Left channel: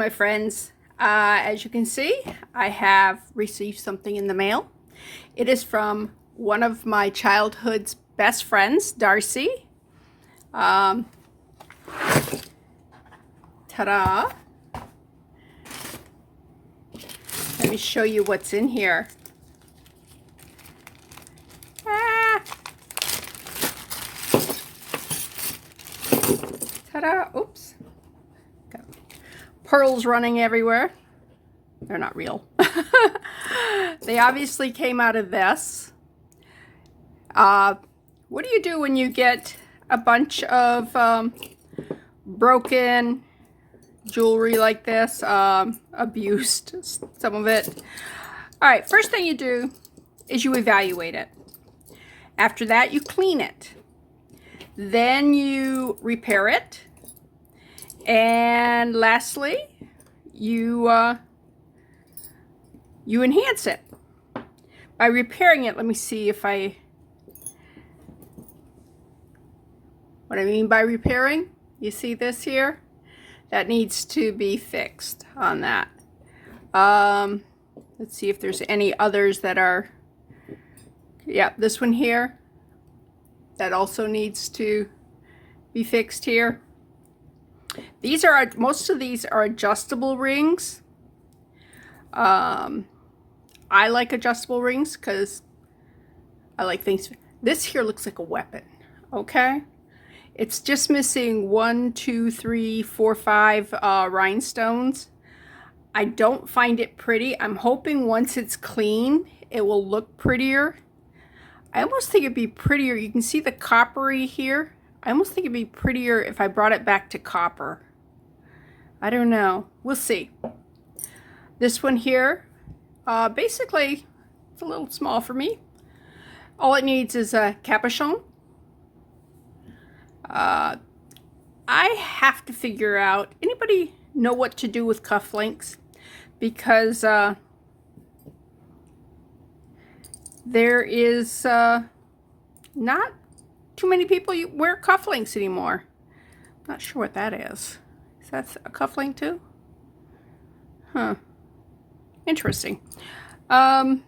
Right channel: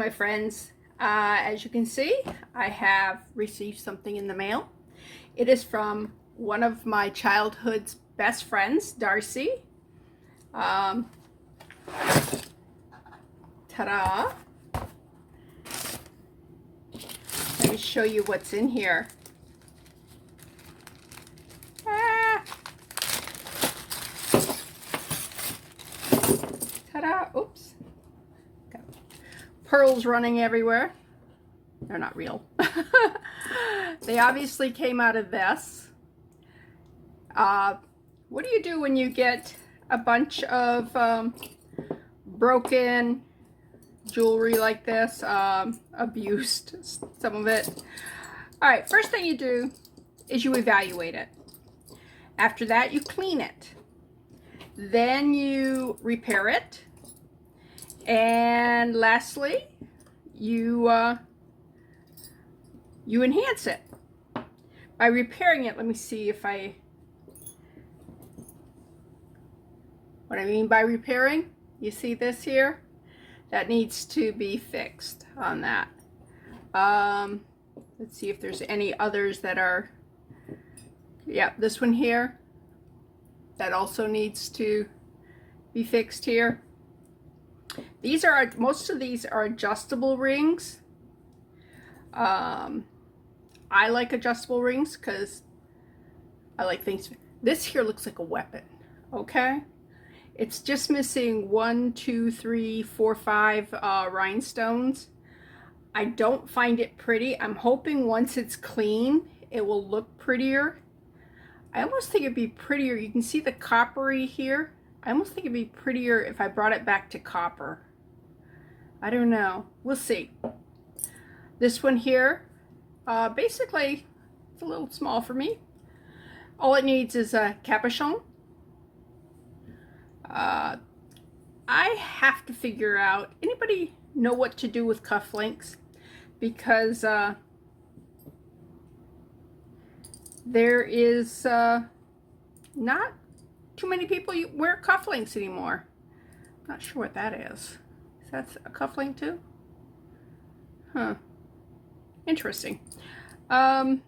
my friends. As you can see, I have received something in the mail. It is from one of my childhood's best friends, Darcy. Ta-da! Let me show you what's in here. Ta-da! Oops. Got pearls running everywhere. They're not real. They obviously came out of this. What do you do when you get a bunch of broken jewelry like this, abused, some of it? All right, first thing you do is you evaluate it. After that, you clean it. Then you repair it. And lastly, you enhance it. By repairing it, let me see if what I mean by repairing. You see this here? That needs to be fixed on that. Let's see if there's any others that are, yeah, this one here. That also needs to be fixed here. These are, most of these are adjustable rings. I like adjustable rings because I like things. This here looks like a weapon, okay? It's just missing 1, 2, 3, 4, 5 rhinestones. I don't find it pretty. I'm hoping once it's clean, it will look prettier. I almost think it'd be prettier. You can see the coppery here. I almost think it'd be prettier if I brought it back to copper. I don't know. We'll see. This one here, basically, it's a little small for me. All it needs is a capuchon. I have to figure out, anybody know what to do with cufflinks? Because there is not too many people wear cufflinks anymore. Not sure what that is. Is that a cufflink too? Huh. Interesting. Let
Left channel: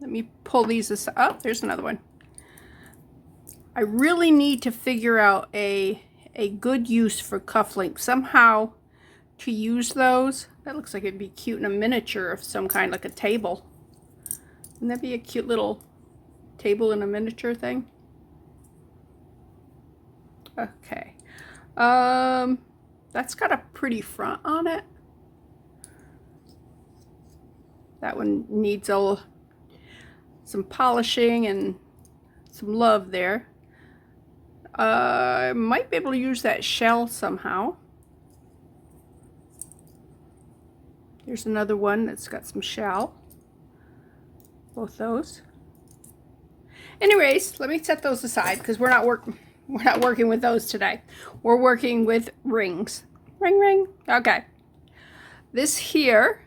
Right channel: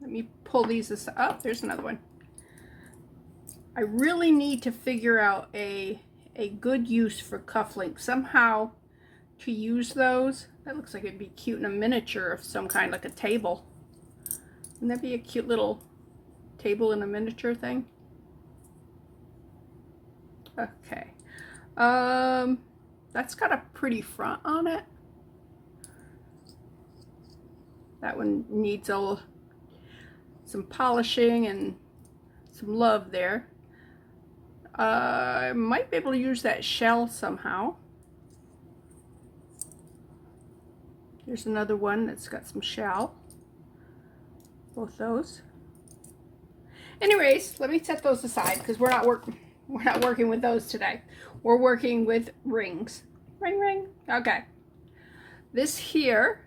me pull these aside. Oh, there's another one. I really need to figure out a good use for cufflinks. Somehow to use those. That looks like it'd be cute in a miniature of some kind, like a table. Wouldn't that be a cute little table in a miniature thing? Okay. That's got a pretty front on it. That one needs some polishing and some love there. I might be able to use that shell somehow. There's another one that's got some shell. Both those. Anyways, let me set those aside because we're not working with those today. We're working with rings. Ring, ring. Okay. This here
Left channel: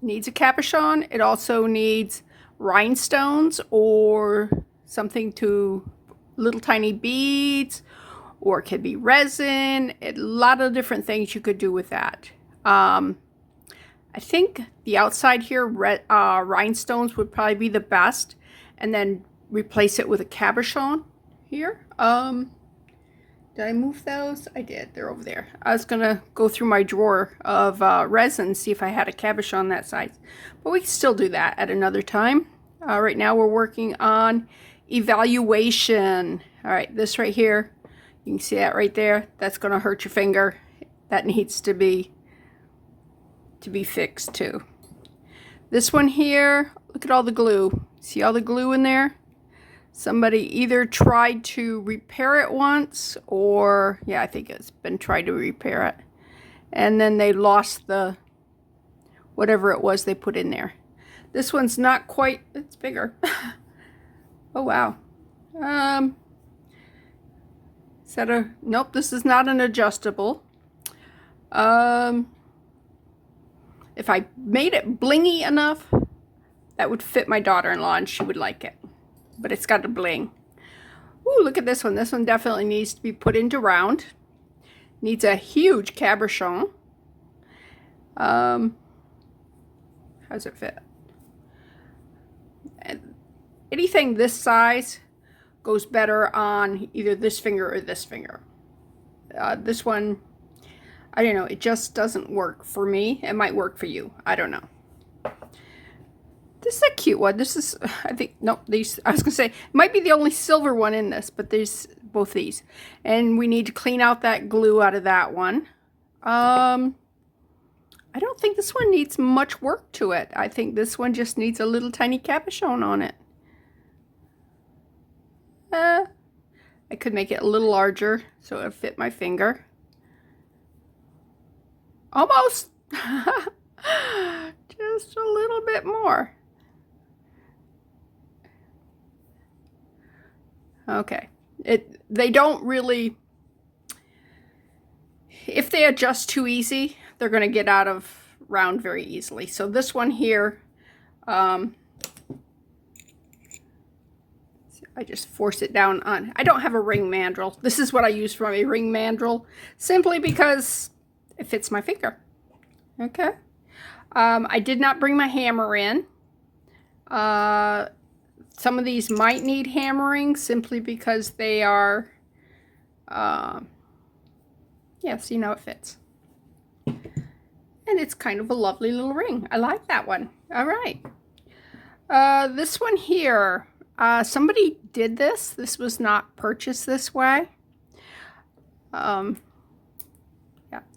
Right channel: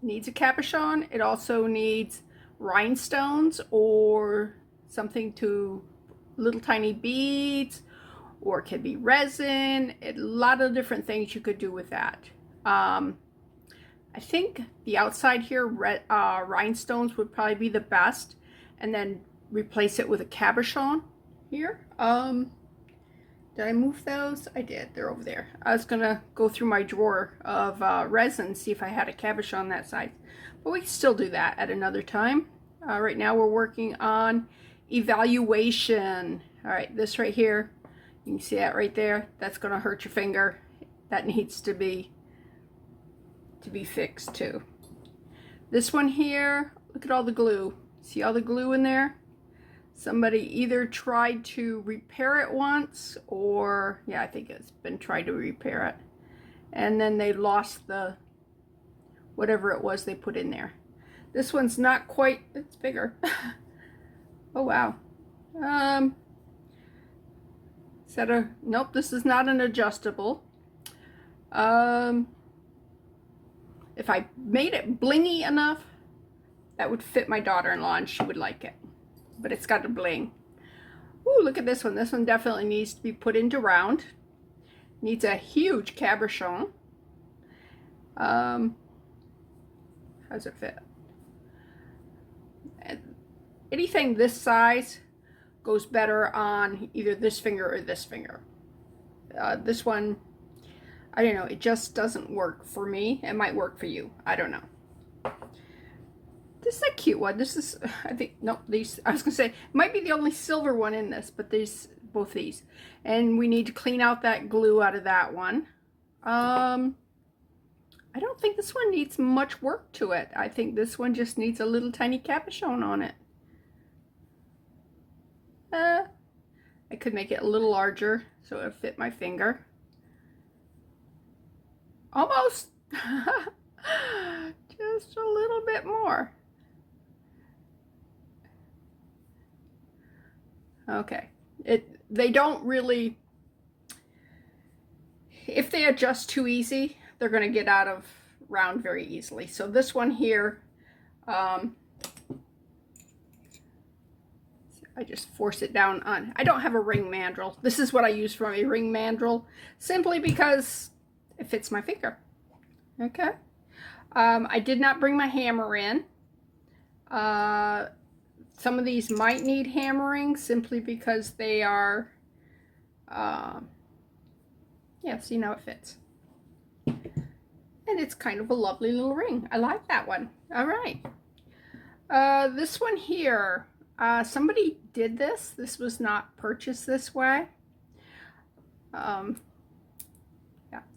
needs a capuchon. It also needs rhinestones or something to little tiny beads, or it could be resin. A lot of different things you could do with that. I think the outside here, rhinestones would probably be the best, and then replace it with a cabochon here. Did I move those? I did. They're over there. I was gonna go through my drawer of resin, see if I had a cabochon that size, but we can still do that at another time. Right now we're working on evaluation. All right, this right here, you can see that right there. That's gonna hurt your finger. That needs to be fixed too. This one here, look at all the glue. See all the glue in there? Somebody either tried to repair it once, or yeah, I think it's been tried to repair it, and then they lost the whatever it was they put in there. This one's not quite, it's bigger. Oh wow. Is that a, nope, this is not an adjustable. If I made it blingy enough, that would fit my daughter-in-law and she would like it. But it's got a bling. Ooh, look at this one. This one definitely needs to be put into round. needs a huge cabochon. How does it fit? And anything this size goes better on either this finger or this finger. This one, I don't know, it just doesn't work for me. It might work for you. I don't know. This is a cute one. This is, I think, nope, these, I was going to say, it might be the only silver one in this, but there's both these. And we need to clean out that glue out of that one. I don't think this one needs much work to it. I think this one just needs a little tiny cabochon on it. I could make it a little larger so it'll fit my finger. Almost. Just a little bit more. Okay. They don't really, if they adjust too easy, they're going to get out of round very easily. So this one here, I just force it down on. I don't have a ring mandrel. This is what I use for my ring mandrel, simply because it fits my finger. Okay. I did not bring my hammer in. Some of these might need hammering simply because they are, yeah, see, now it fits. And it's kind of a lovely little ring. I like that one. All right. This one here, somebody did this. This was not purchased this way. Yeah,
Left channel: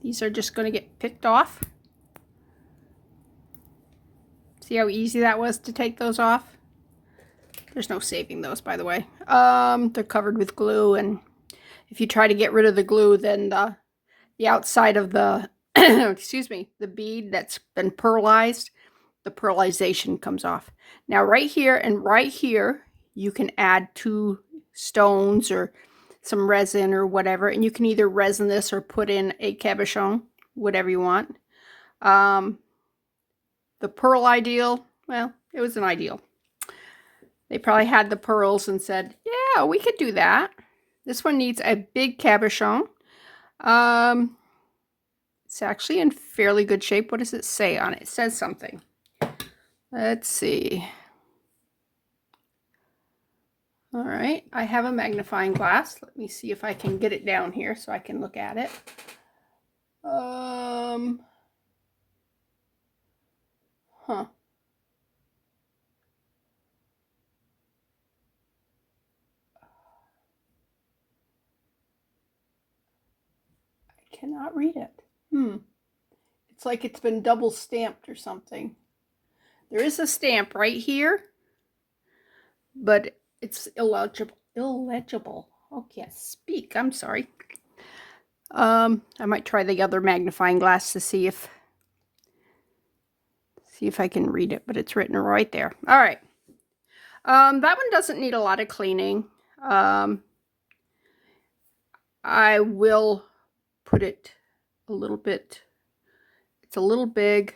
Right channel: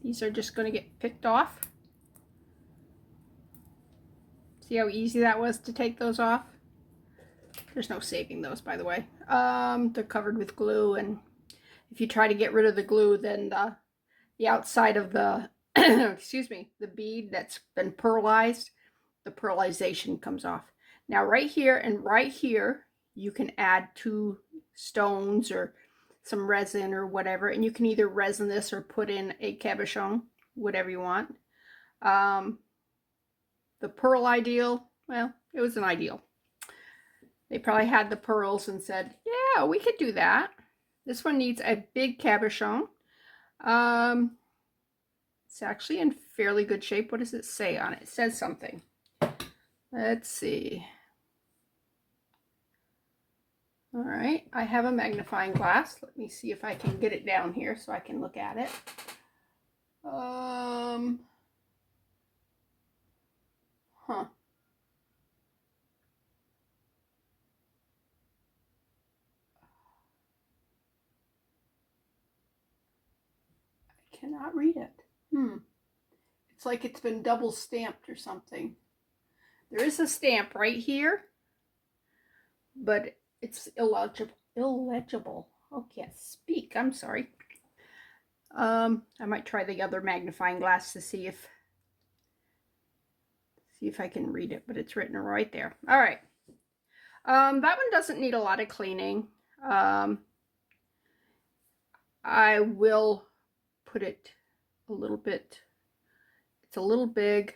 these are just going to get picked off. See how easy that was to take those off? There's no saving those, by the way. They're covered with glue, and if you try to get rid of the glue, then the outside of the, excuse me, the bead that's been pearlized, the pearlization comes off. Now right here and right here, you can add 2 stones or some resin or whatever, and you can either resin this or put in a cabochon, whatever you want. The pearl ideal, well, it was an ideal. They probably had the pearls and said, yeah, we could do that. This one needs a big cabochon. It's actually in fairly good shape. What does it say on it? It says something. Let's see. All right, I have a magnifying glass. Let me see if I can get it down here so I can look at it. Huh. I cannot read it. It's like it's been double stamped or something. There is a stamp right here, but it's illegible. Oh, can't speak. I'm sorry. I might try the other magnifying glass to see if I can read it, but it's written right there. All right. That one doesn't need a lot of cleaning. I will put it a little bit. It's a little big,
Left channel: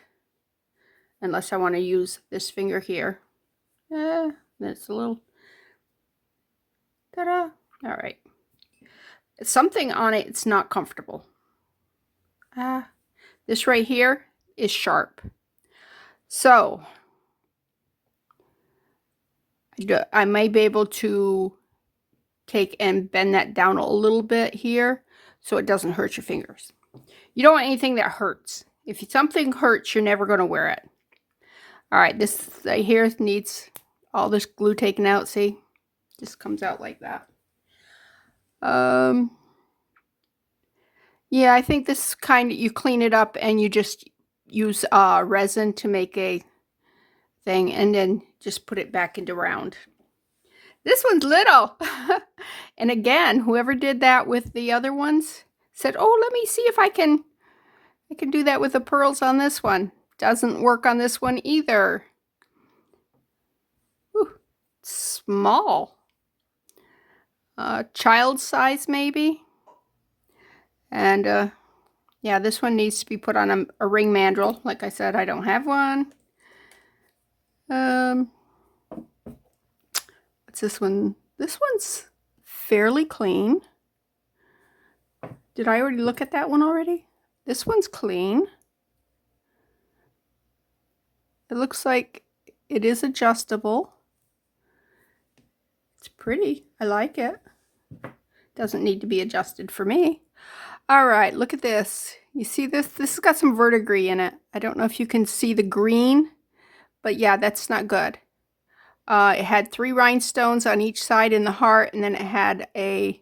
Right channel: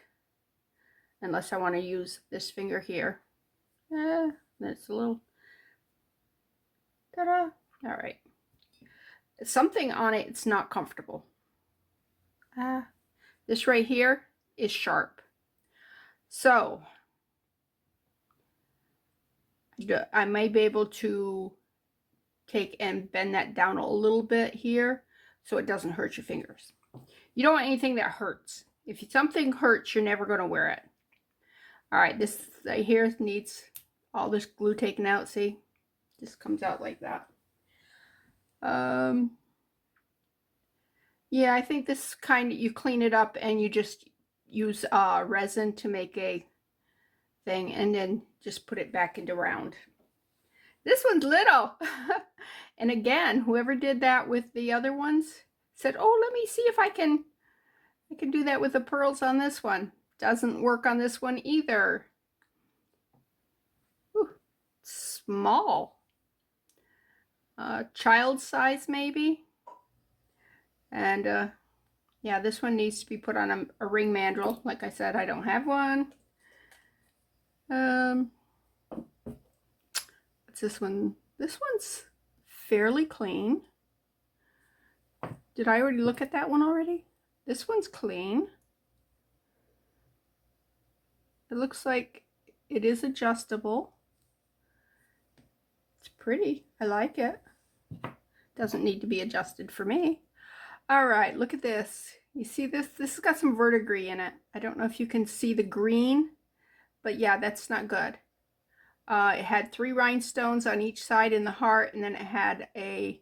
unless I want to use this finger here. That's a little. Ta-da! All right. Something on it, it's not comfortable. This right here is sharp. So I may be able to take and bend that down a little bit here so it doesn't hurt your fingers. You don't want anything that hurts. If something hurts, you're never going to wear it. All right, this right here needs all this glue taken out. See, just comes out like that. Yeah, I think this kind of, you clean it up and you just use resin to make a thing and then just put it back into round. This one's little. And again, whoever did that with the other ones said, oh, let me see if I can do that with the pearls on this one. Doesn't work on this one either. Ooh, small. Child size maybe. And yeah, this one needs to be put on a ring mandrel. Like I said, I don't have one. What's this one? This one's fairly clean. Did I already look at that one already? This one's clean. It looks like it is adjustable. It's pretty. I like it. Doesn't need to be adjusted for me. All right, look at this. You see this? This has got some verdigris in it. I don't know if you can see the green, but yeah, that's not good. It had 3 rhinestones on each side in the heart, and then it had a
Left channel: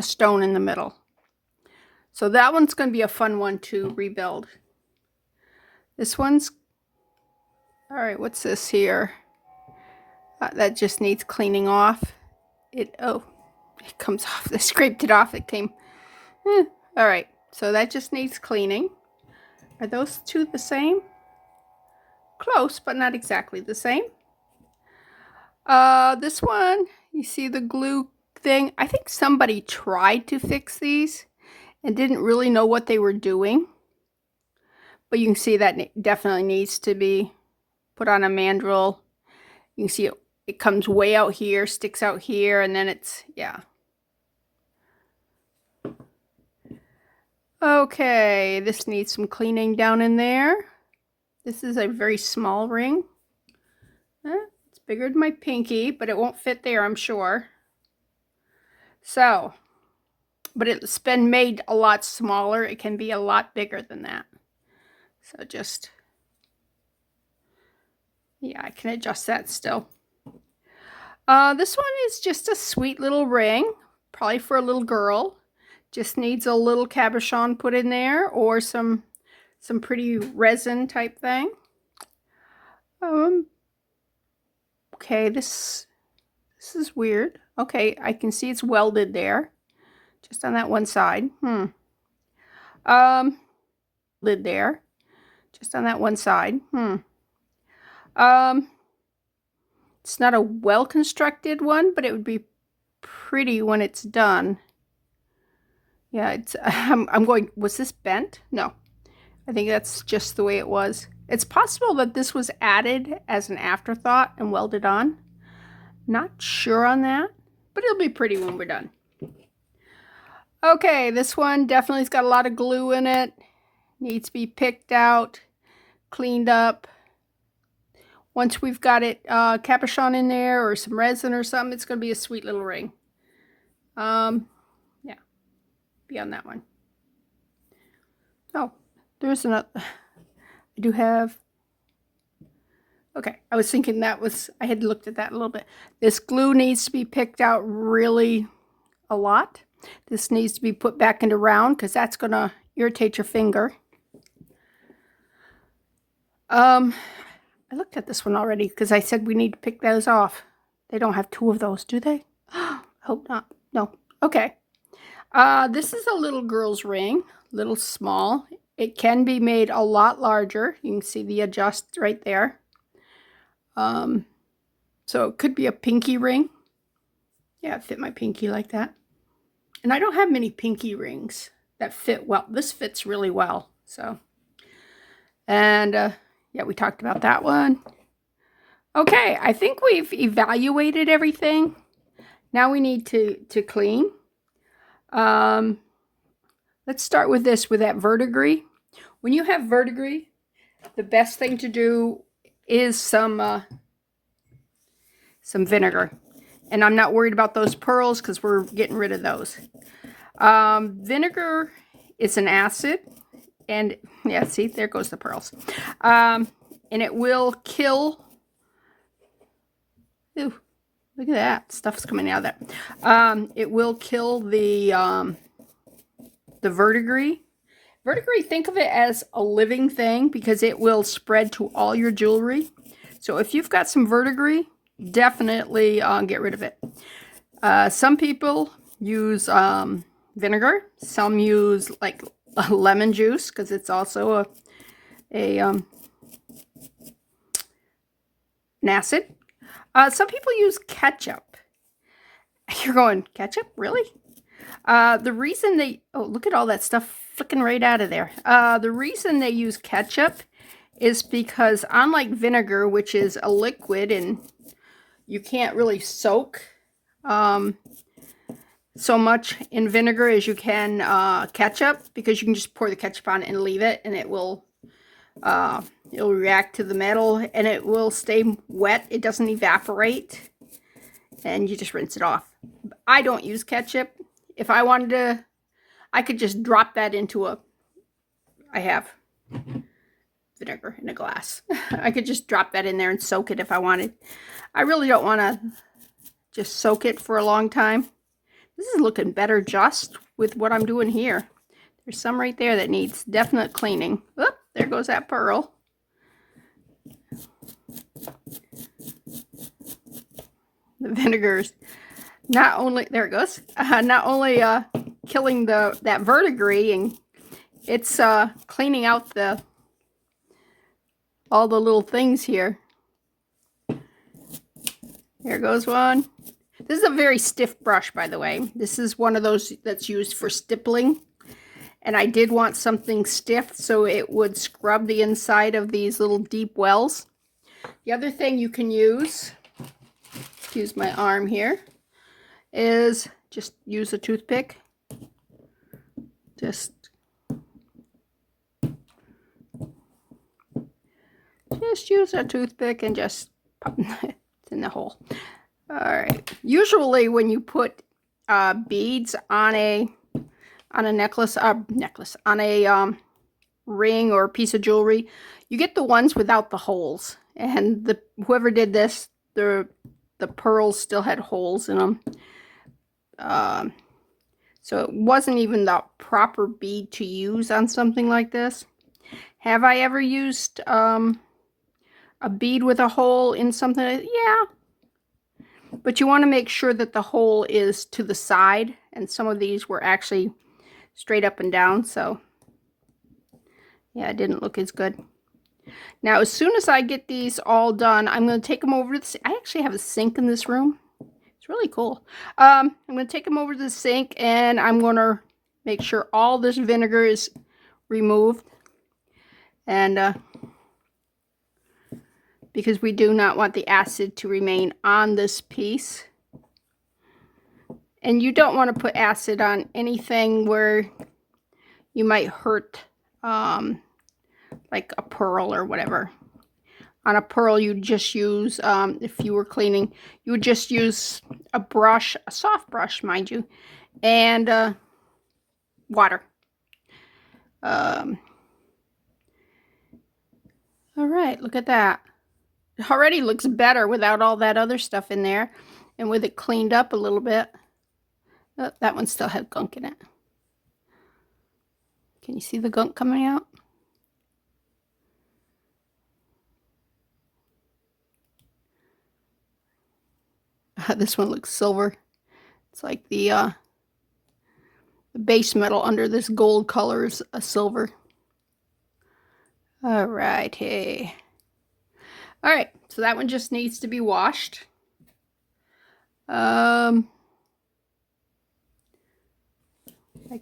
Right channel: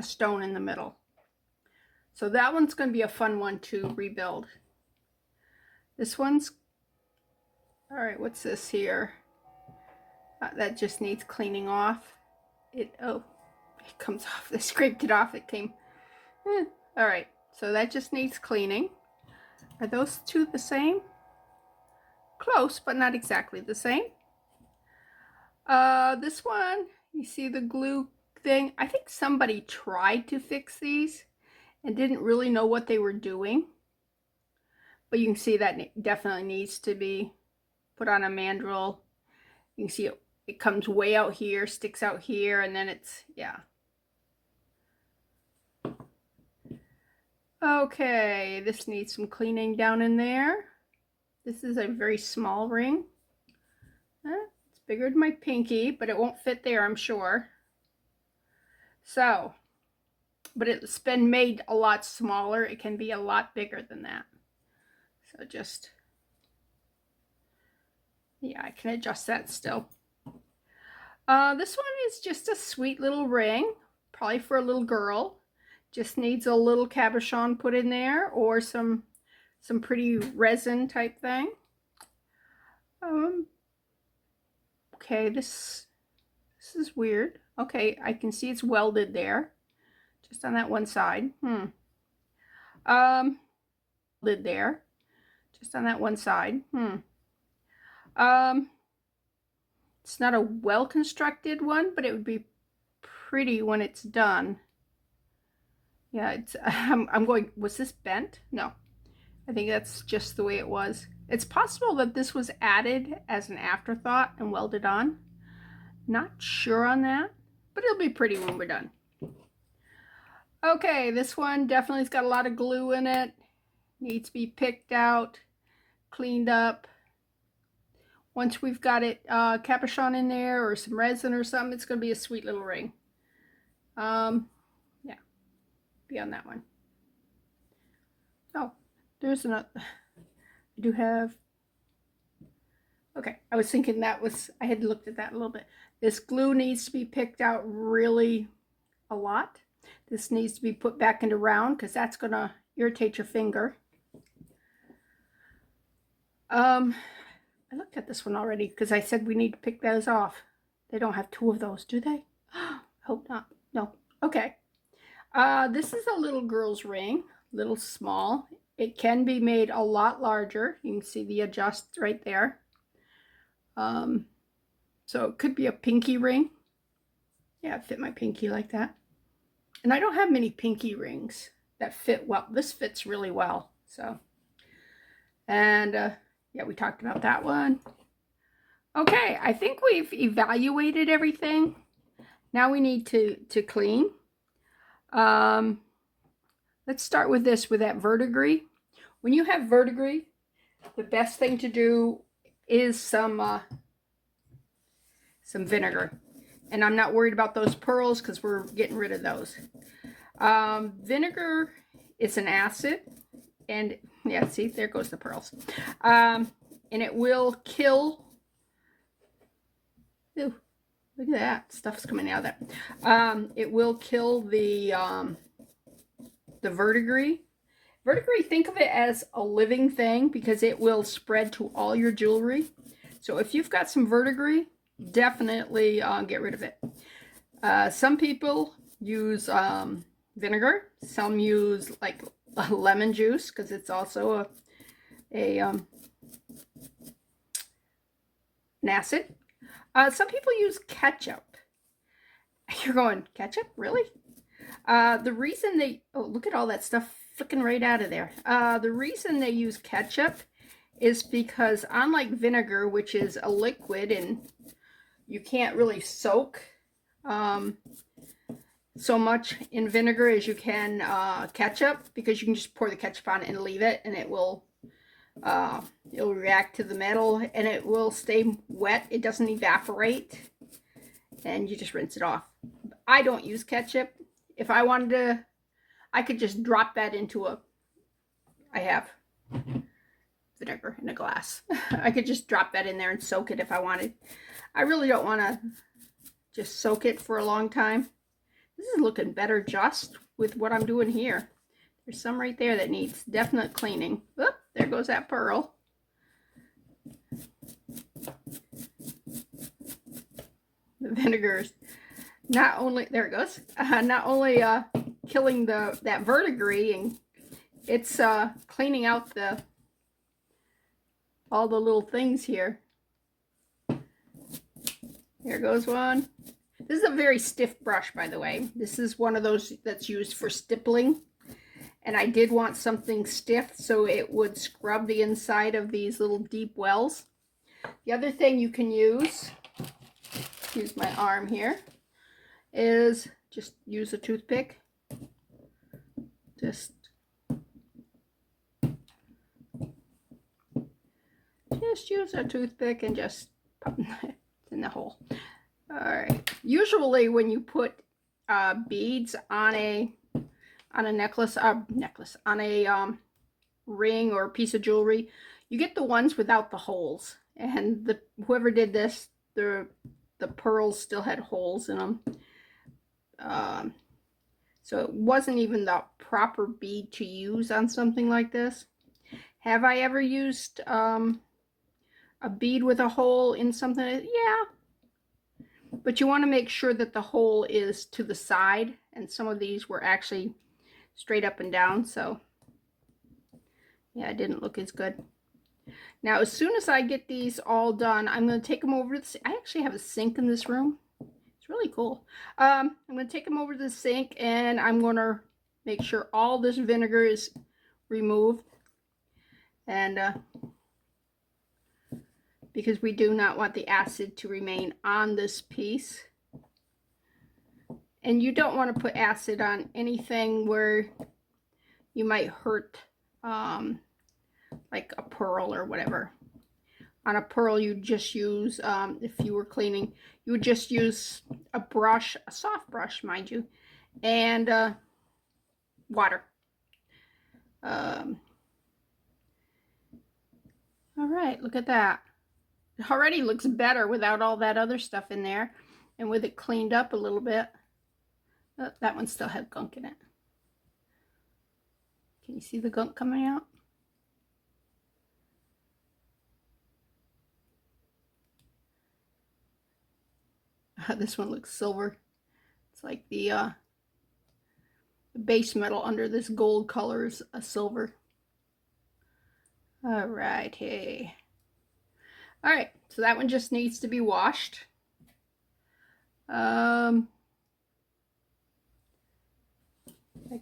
stone in the middle. So that one's going to be a fun one to rebuild. This one's, all right, what's this here? That just needs cleaning off. It comes off. I scraped it off. It came. All right, so that just needs cleaning. Are those two the same? Close, but not exactly the same. This one, you see the glue thing? I think somebody tried to fix these and didn't really know what they were doing. But you can see that definitely needs to be put on a mandrel. You can see it comes way out here, sticks out here, and then it's, yeah. Okay, this needs some cleaning down in there. This is a very small ring. It's bigger than my pinky, but it won't fit there, I'm sure. So, but it's been made a lot smaller. It can be a lot bigger than that. So just, yeah, I can adjust that still. This one is just a sweet little ring, probably for a little girl. Just needs a little cabochon put in there, or some pretty resin type thing. Okay, this is weird. Okay, I can see it's welded there, just on that one side. Lid there, just on that one side. It's not a well-constructed one, but it would be pretty when it's done. Yeah, it's. I'm going. Was this bent? No, I think that's just the way it was. It's possible that this was added as an afterthought and welded on. Not sure on that, but it'll be pretty when we're done. Okay, this one definitely's got a lot of glue in it. Needs to be picked out, cleaned up. Once we've got it cabochon in there or some resin or something, it's going to be a sweet little ring. Yeah, be on that one. Oh, there's another. I do have. Okay, I was thinking that was, I had looked at that a little bit. This glue needs to be picked out really a lot. This needs to be put back into round because that's going to irritate your finger. I looked at this one already because I said we need to pick those off. They don't have 2 of those, do they? Hope not. No. Okay. This is a little girl's ring, little small. It can be made a lot larger. You can see the adjust right there. So it could be a pinky ring. Yeah, it fit my pinky like that. And I don't have many pinky rings that fit well. This fits really well. So, and yeah, we talked about that one. Okay, I think we've evaluated everything. Now we need to clean. Let's start with this, with that verdigris. When you have verdigris, the best thing to do is some vinegar. And I'm not worried about those pearls because we're getting rid of those. Vinegar is an acid. And yeah, see, there goes the pearls. And it will kill. Ooh, look at that. Stuff's coming out of that. It will kill the verdigris. Verdigris, think of it as a living thing because it will spread to all your jewelry. So if you've got some verdigris, definitely get rid of it. Some people use vinegar. Some use like lemon juice because it's also an acid. Some people use ketchup. You're going, ketchup? Really? The reason they, oh, look at all that stuff flicking right out of there. The reason they use ketchup is because unlike vinegar, which is a liquid and you can't really soak, so much in vinegar as you can ketchup, because you can just pour the ketchup on it and leave it, and it'll react to the metal and it will stay wet. It doesn't evaporate, and you just rinse it off. I don't use ketchup. If I wanted to, I could just drop that into I have vinegar in a glass. I could just drop that in there and soak it if I wanted. I really don't want to just soak it for a long time. This is looking better just with what I'm doing here. There's some right there that needs definite cleaning. Oop, there goes that pearl. The vinegar's not only, there it goes, not only killing that verdigris, and it's cleaning out all the little things here. There goes one. This is a very stiff brush, by the way. This is one of those that's used for stippling. And I did want something stiff so it would scrub the inside of these little deep wells. The other thing you can use my arm here, is just use a toothpick. Just use a toothpick and just pop it in the hole. All right. Usually when you put beads on a necklace, on a ring or a piece of jewelry, you get the ones without the holes. And whoever did this, the pearls still had holes in them. So it wasn't even the proper bead to use on something like this. Have I ever used a bead with a hole in something? Yeah. But you want to make sure that the hole is to the side, and some of these were actually straight up and down, so yeah, it didn't look as good. Now, as soon as I get these all done, I'm going to take them over to I actually have a sink in this room. It's really cool. I'm going to take them over to the sink, and I'm going to make sure all this vinegar is removed. And because we do not want the acid to remain on this piece. And you don't want to put acid on anything where you might hurt, like a pearl or whatever. On a pearl, you just use, if you were cleaning, you would just use a brush, a soft brush, mind you, and water. All right, look at that. It already looks better without all that other stuff in there, and with it cleaned up a little bit. Oh, that one still had gunk in it. Can you see the gunk coming out? This one looks silver. It's like the base metal under this gold color is a silver. All right, hey. All right, so that one just needs to be washed. I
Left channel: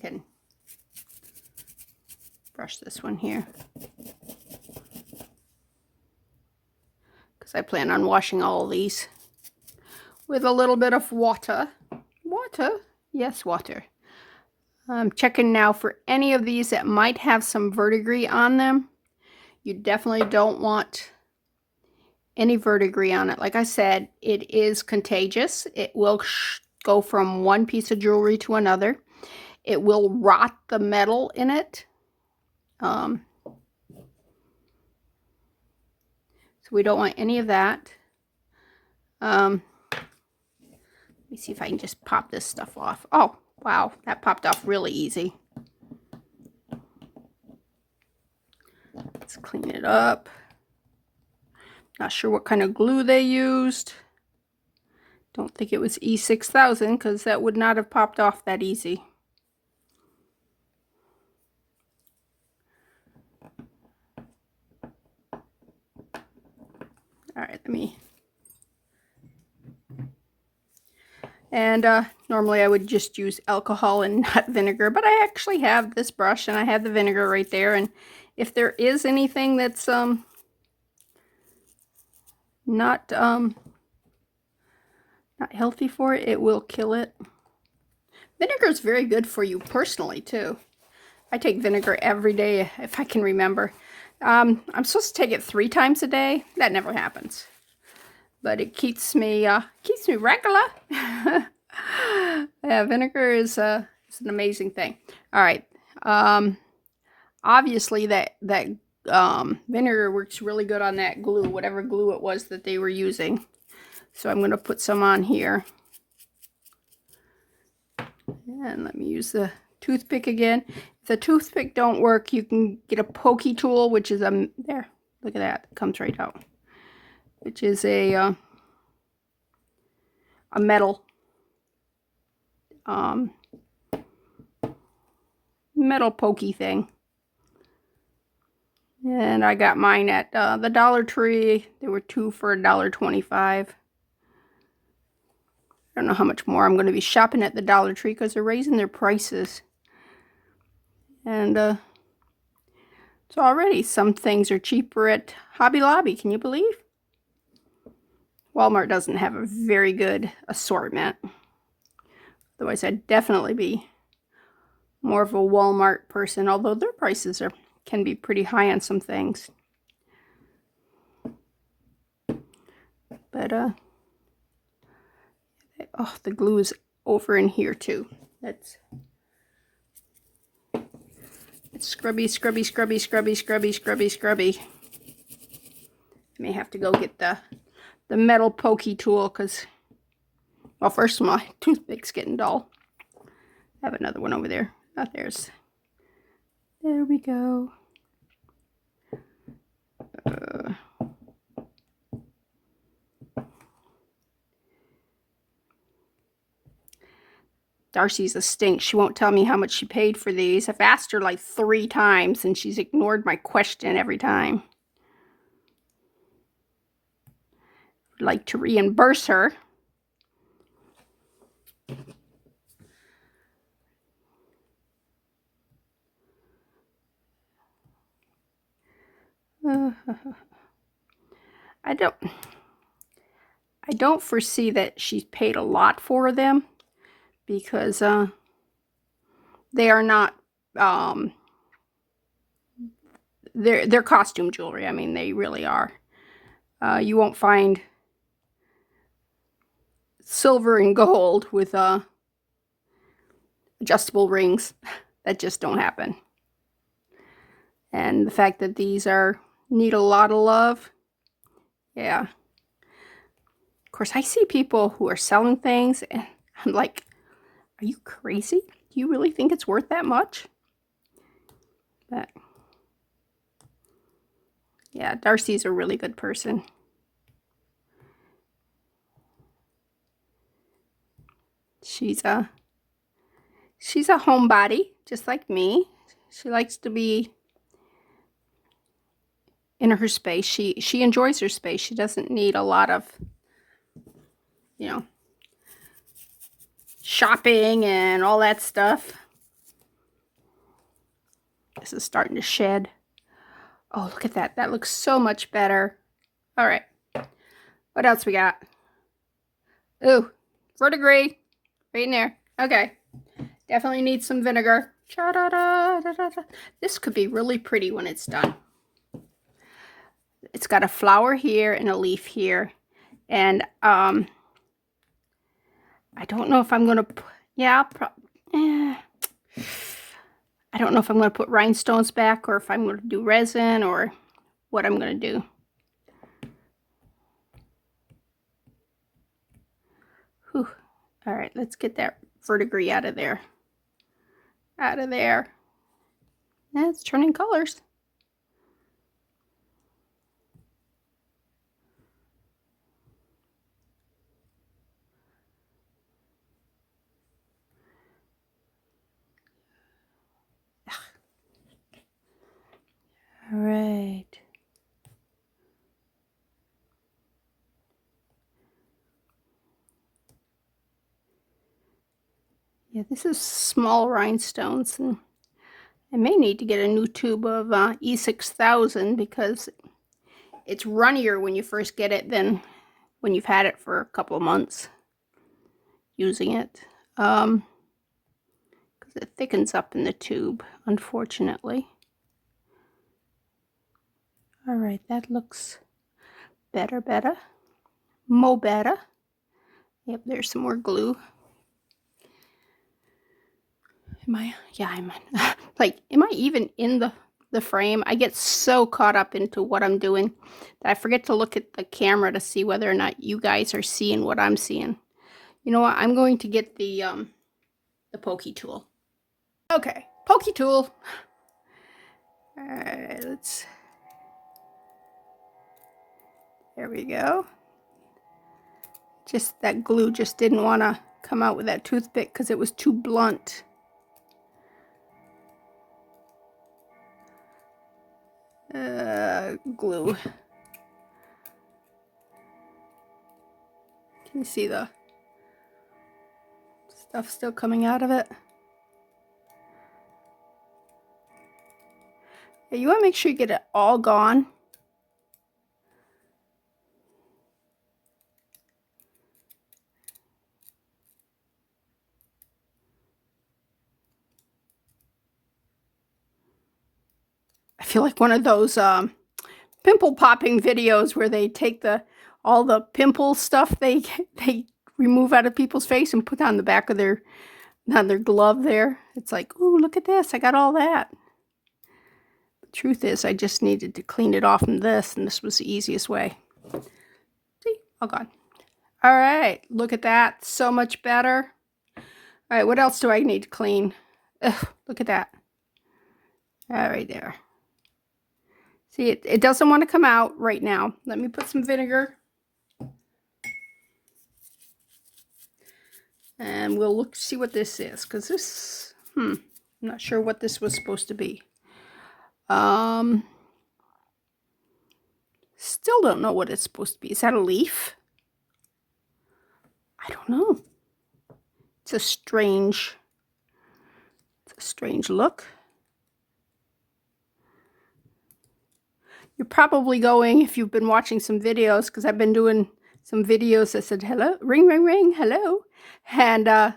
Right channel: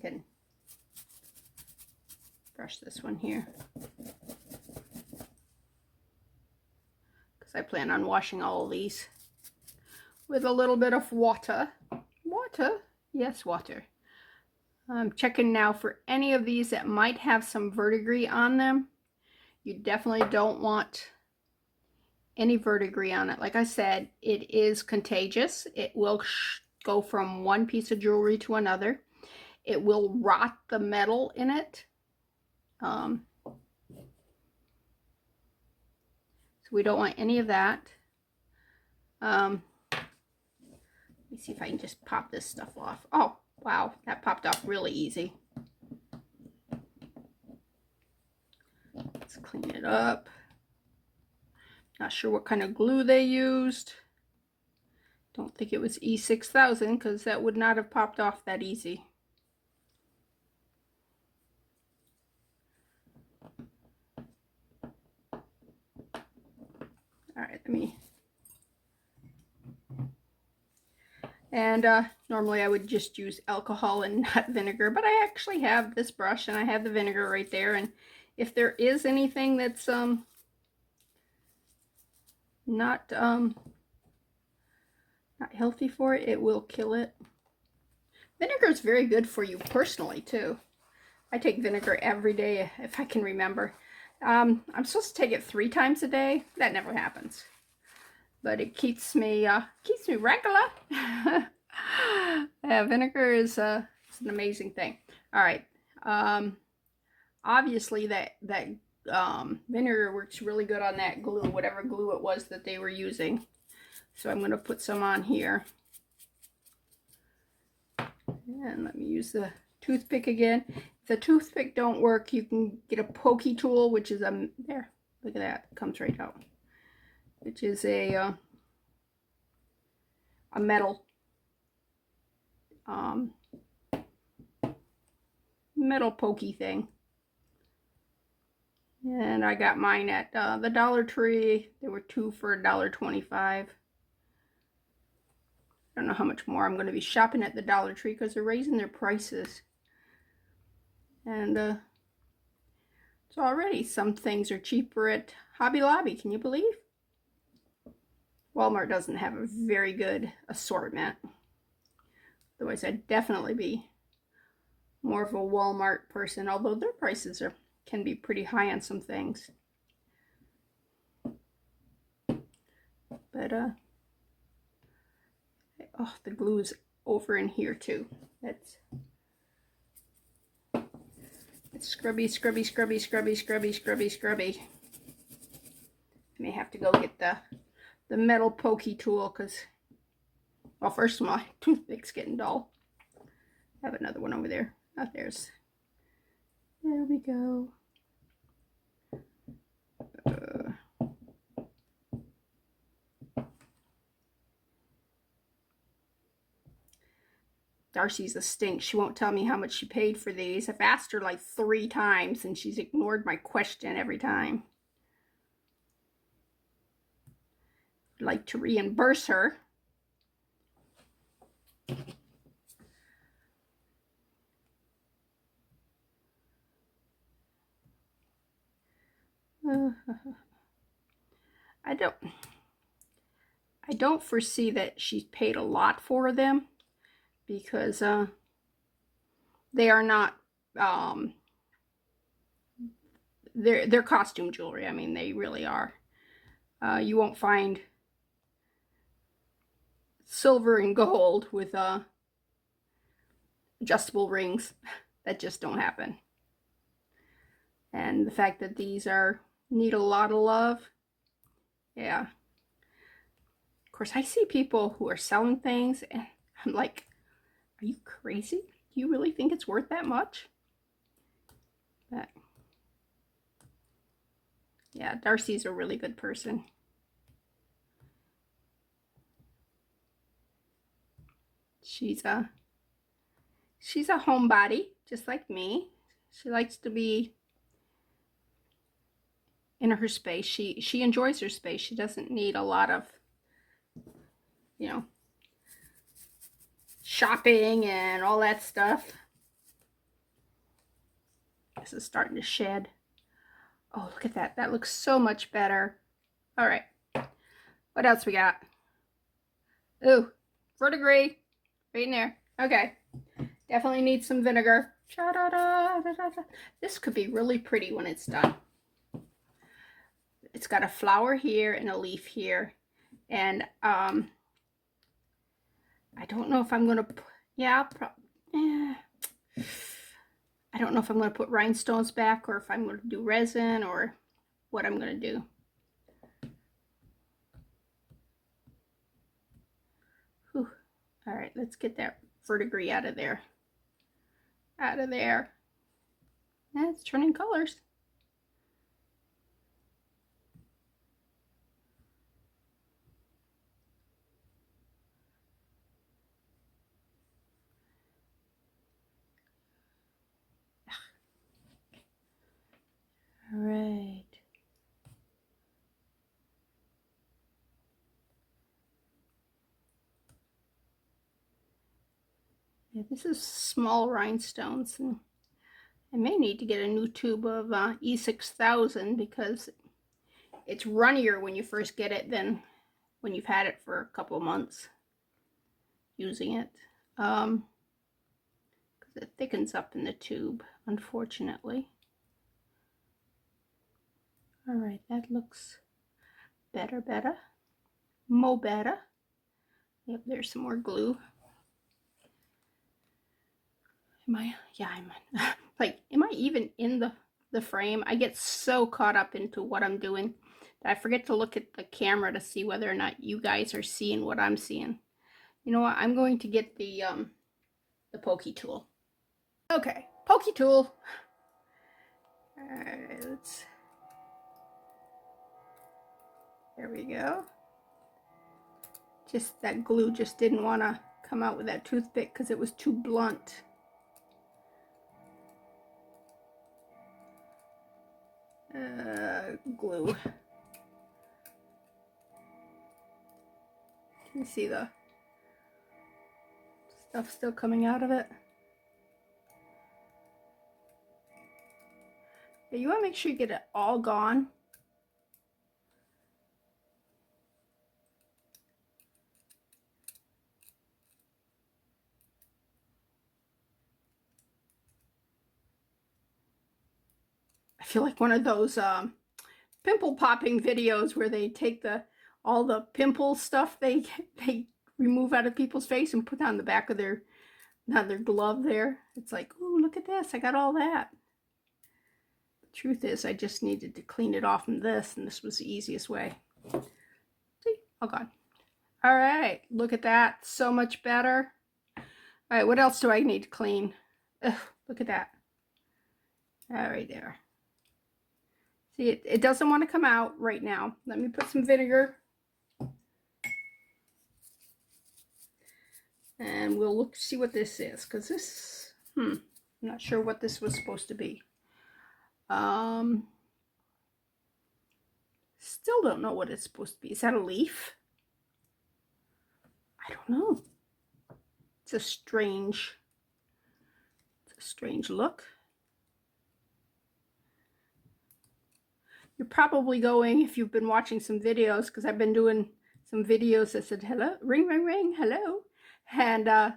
can brush this one here, because I plan on washing all of these with a little bit of water. Water? Yes, water. I'm checking now for any of these that might have some verdigris on them. You definitely don't want any verdigris on it. Like I said, it is contagious. It will go from one piece of jewelry to another. It will rot the metal in it. So we don't want any of that. Let me see if I can just pop this stuff off. Oh, wow, that popped off really easy. Let's clean it up. Not sure what kind of glue they used. Don't think it was E6000, because that would not have popped off that easy. All right, let me. And normally I would just use alcohol and not vinegar, but I actually have this brush and I have the vinegar right there. And if there is anything that's not healthy for it, it will kill it. Vinegar is very good for you personally, too. I take vinegar every day, if I can remember. I'm supposed to take it 3 times a day. That never happens. But it keeps me regular. Yeah, vinegar is an amazing thing. All right. Obviously, that vinegar works really good on that glue, whatever glue it was that they were using. So I'm going to put some on here. And let me use the toothpick again. If the toothpick don't work, you can get a pokey tool, which is there. Look at that. It comes right out. Which is a metal metal pokey thing. And I got mine at the Dollar Tree. There were 2 for $1.25. I don't know how much more I'm going to be shopping at the Dollar Tree because they're raising their prices. And so already some things are cheaper at Hobby Lobby. Can you believe? Walmart doesn't have a very good assortment. Otherwise, I'd definitely be more of a Walmart person, although their prices can be pretty high on some things. But oh, the glue is over in here too. It's scrubby, scrubby, scrubby, scrubby, scrubby, scrubby, scrubby. I may have to go get the metal pokey tool because, well, first my toothpick's getting dull. I have another one over there. Oh, there we go. Darcy's a stink. She won't tell me how much she paid for these. I've asked her like 3 times and she's ignored my question every time. I'd like to reimburse her. I don't foresee that she's paid a lot for them because they are not they're costume jewelry. I mean, they really are. You won't find silver and gold with adjustable rings. That just don't happen. And the fact that these need a lot of love, yeah. Of course, I see people who are selling things and I'm like, are you crazy? Do you really think it's worth that much? But yeah, Darcy's a really good person. She's a homebody, just like me. She likes to be in her space. She enjoys her space. She doesn't need a lot of, you know, shopping and all that stuff. This is starting to shed. Oh, look at that. That looks so much better. All right. What else we got? Ooh, verdigris. Right in there. Okay. Definitely need some vinegar. This could be really pretty when it's done. It's got a flower here and a leaf here. And I don't know if I'm going to... Yeah, I don't know if I'm going to put rhinestones back or if I'm going to do resin or what I'm going to do. Whew. All right, let's get that verdigris out of there. Out of there. Yeah, it's turning colors. All right. Yeah, this is small rhinestones, and I may need to get a new tube of E6000 because it's runnier when you first get it than when you've had it for a couple of months using it. because it thickens up in the tube, unfortunately. All right, that looks better. Mo better. Yep, there's some more glue. Yeah, I'm like, am I even in the frame? I get so caught up into what I'm doing that I forget to look at the camera to see whether or not you guys are seeing what I'm seeing. You know what? I'm going to get the pokey tool. Okay, pokey tool. All right, there we go. Just that glue just didn't want to come out with that toothpick because it was too blunt. Glue. Can you see the stuff still coming out of it? Yeah, you want to make sure you get it all gone. I feel like one of those pimple popping videos where they take all the pimple stuff they remove out of people's face and put on the back of their glove there. It's like, ooh, look at this, I got all that. The truth is, I just needed to clean it off in this, and this was the easiest way. See, all gone. All right, look at that, so much better. All right, what else do I need to clean? Ugh, look at that. All right, there. See, it doesn't want to come out right now. Let me put some vinegar. And we'll see what this is, because this, I'm not sure what this was supposed to be. Still don't know what it's supposed to be. Is that a leaf? I don't know. It's a strange look. You're probably going, if you've been watching some videos, because I've been doing some videos that said, hello, ring, ring, ring, hello. And I've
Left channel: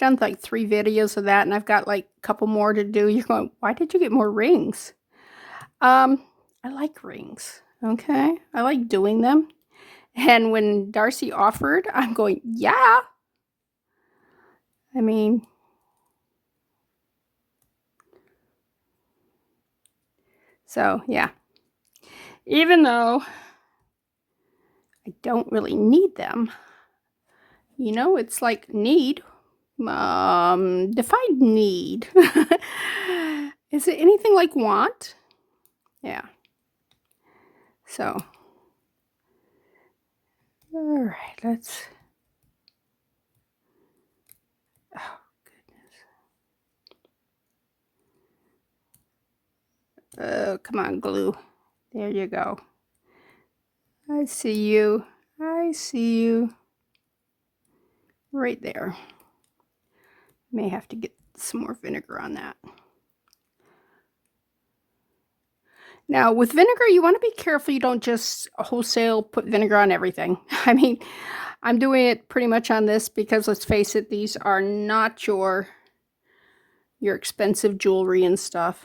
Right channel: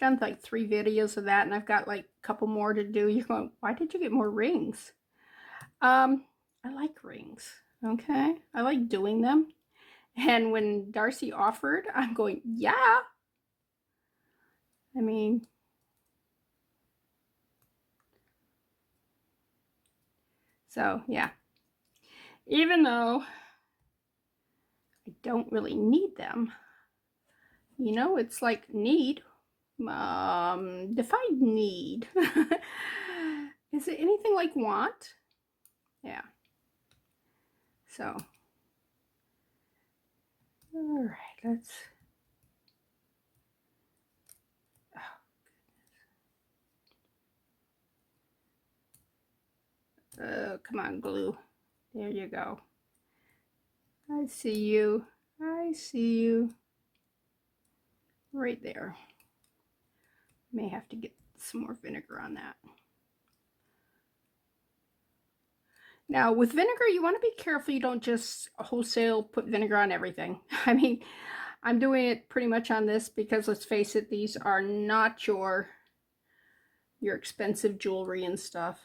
done like 3 videos of that, and I've got like a couple more to do. You're going, why did you get more rings? I like rings, okay? I like doing them. And when Darcy offered, I'm going, yeah. I mean, so yeah. Even though I don't really need them, you know, it's like need. Define need. Is it anything like want? Yeah. So, all right, let's. Oh, goodness. Oh, come on, glue. There you go. I see you. I see you. Right there. May have to get some more vinegar on that. Now, with vinegar, you want to be careful you don't just wholesale put vinegar on everything. I mean, I'm doing it pretty much on this because, let's face it, these are not your expensive jewelry and stuff.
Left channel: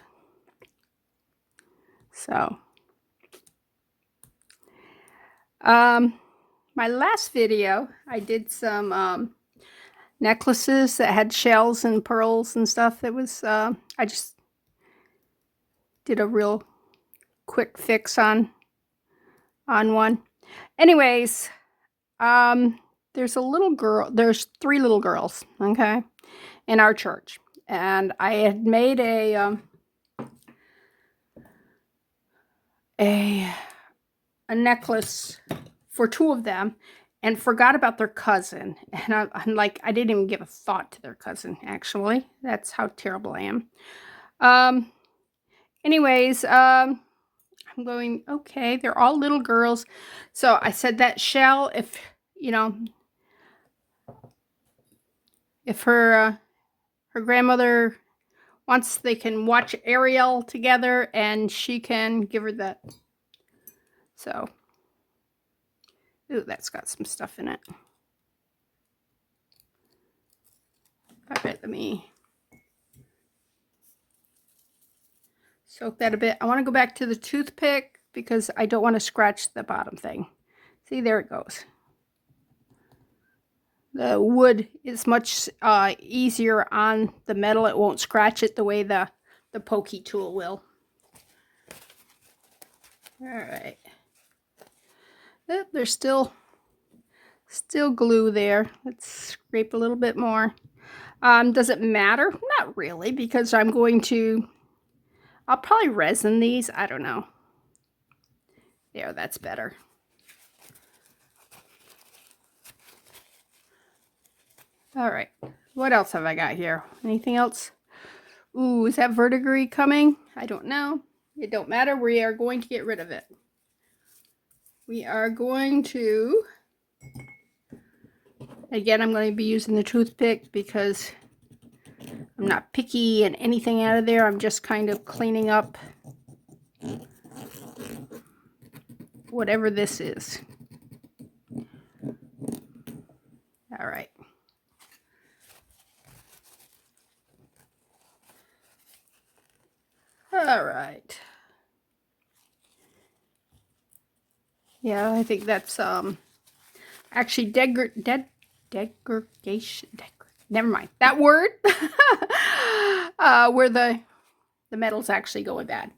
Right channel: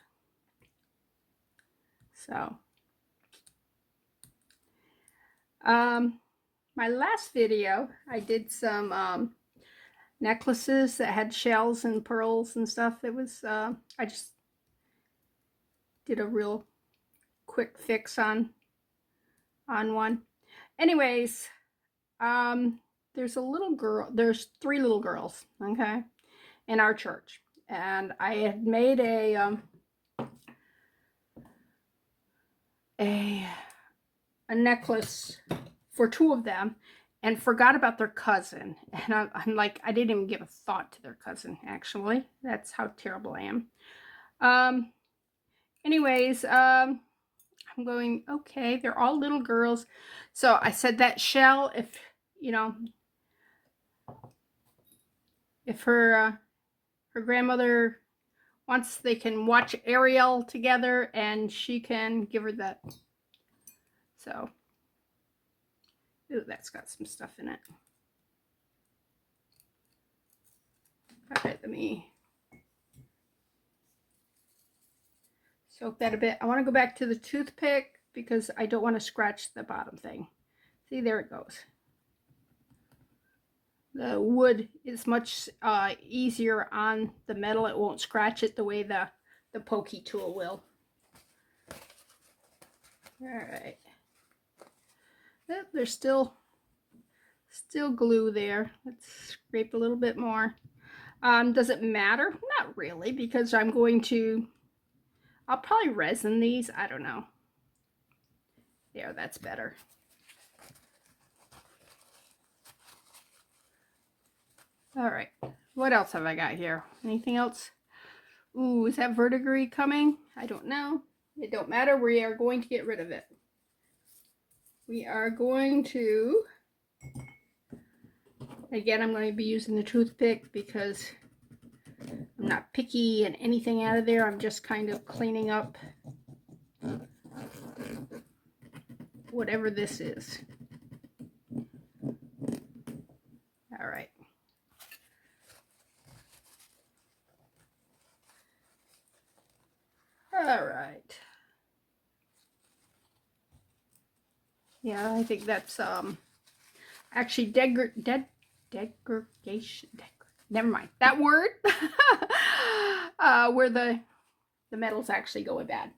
So, my last video, I did some necklaces that had shells and pearls and stuff. That was, I just did a real quick fix on one. Anyways, there's a little girl, there's 3 little girls, okay, in our church. And I had made a necklace for 2 of them and forgot about their cousin. And I'm like, I didn't even give a thought to their cousin, actually. That's how terrible I am. Anyways, I'm going, okay, they're all little girls. So I said that shell, if, you know, if her grandmother wants, they can watch Ariel together and she can give her that. So, ooh, that's got some stuff in it. All right, let me soak that a bit. I want to go back to the toothpick because I don't want to scratch the bottom thing. See, there it goes. The wood is much easier on the metal. It won't scratch it the way the pokey tool will. All right. There's still glue there. Let's scrape a little bit more. Does it matter? Not really, because I'll probably resin these. I don't know. There, that's better. All right. What else have I got here? Anything else? Ooh, is that verdigris coming? I don't know. It don't matter. We are going to get rid of it. We are going to... Again, I'm going to be using the toothpick because I'm not picky and anything out of there. I'm just kind of cleaning up whatever this is. All right. All right. Yeah, I think that's actually degradation. Never mind that word. Where the metal's actually going bad.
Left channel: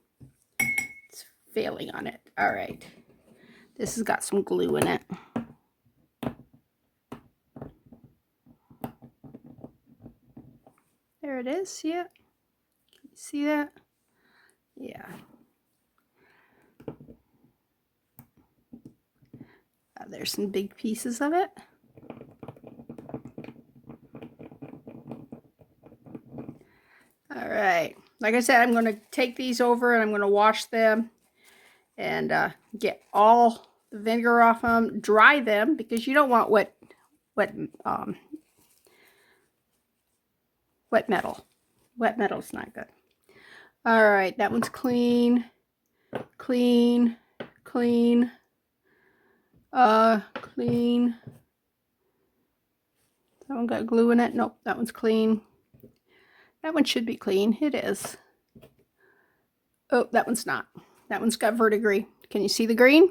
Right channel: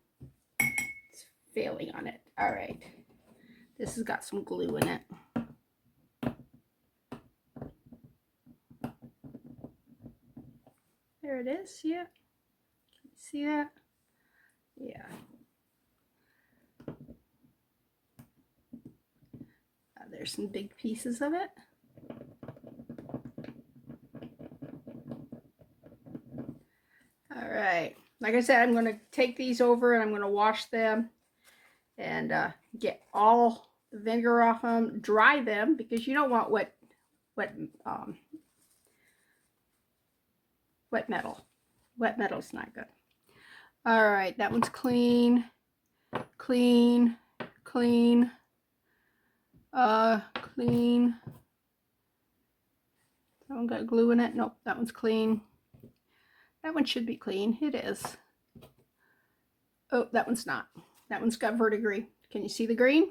It's failing on it. All right. This has got some glue in it. There it is. See it? Can you see that? Yeah. There's some big pieces of it. All right. Like I said, I'm going to take these over and I'm going to wash them and get all the vinegar off them, dry them because you don't want wet metal. Wet metal's not good. All right, that one's clean, clean, clean, clean. That one got glue in it. Nope, that one's clean. That one should be clean. It is. Oh, that one's not. That one's got verdigris. Can you see the green?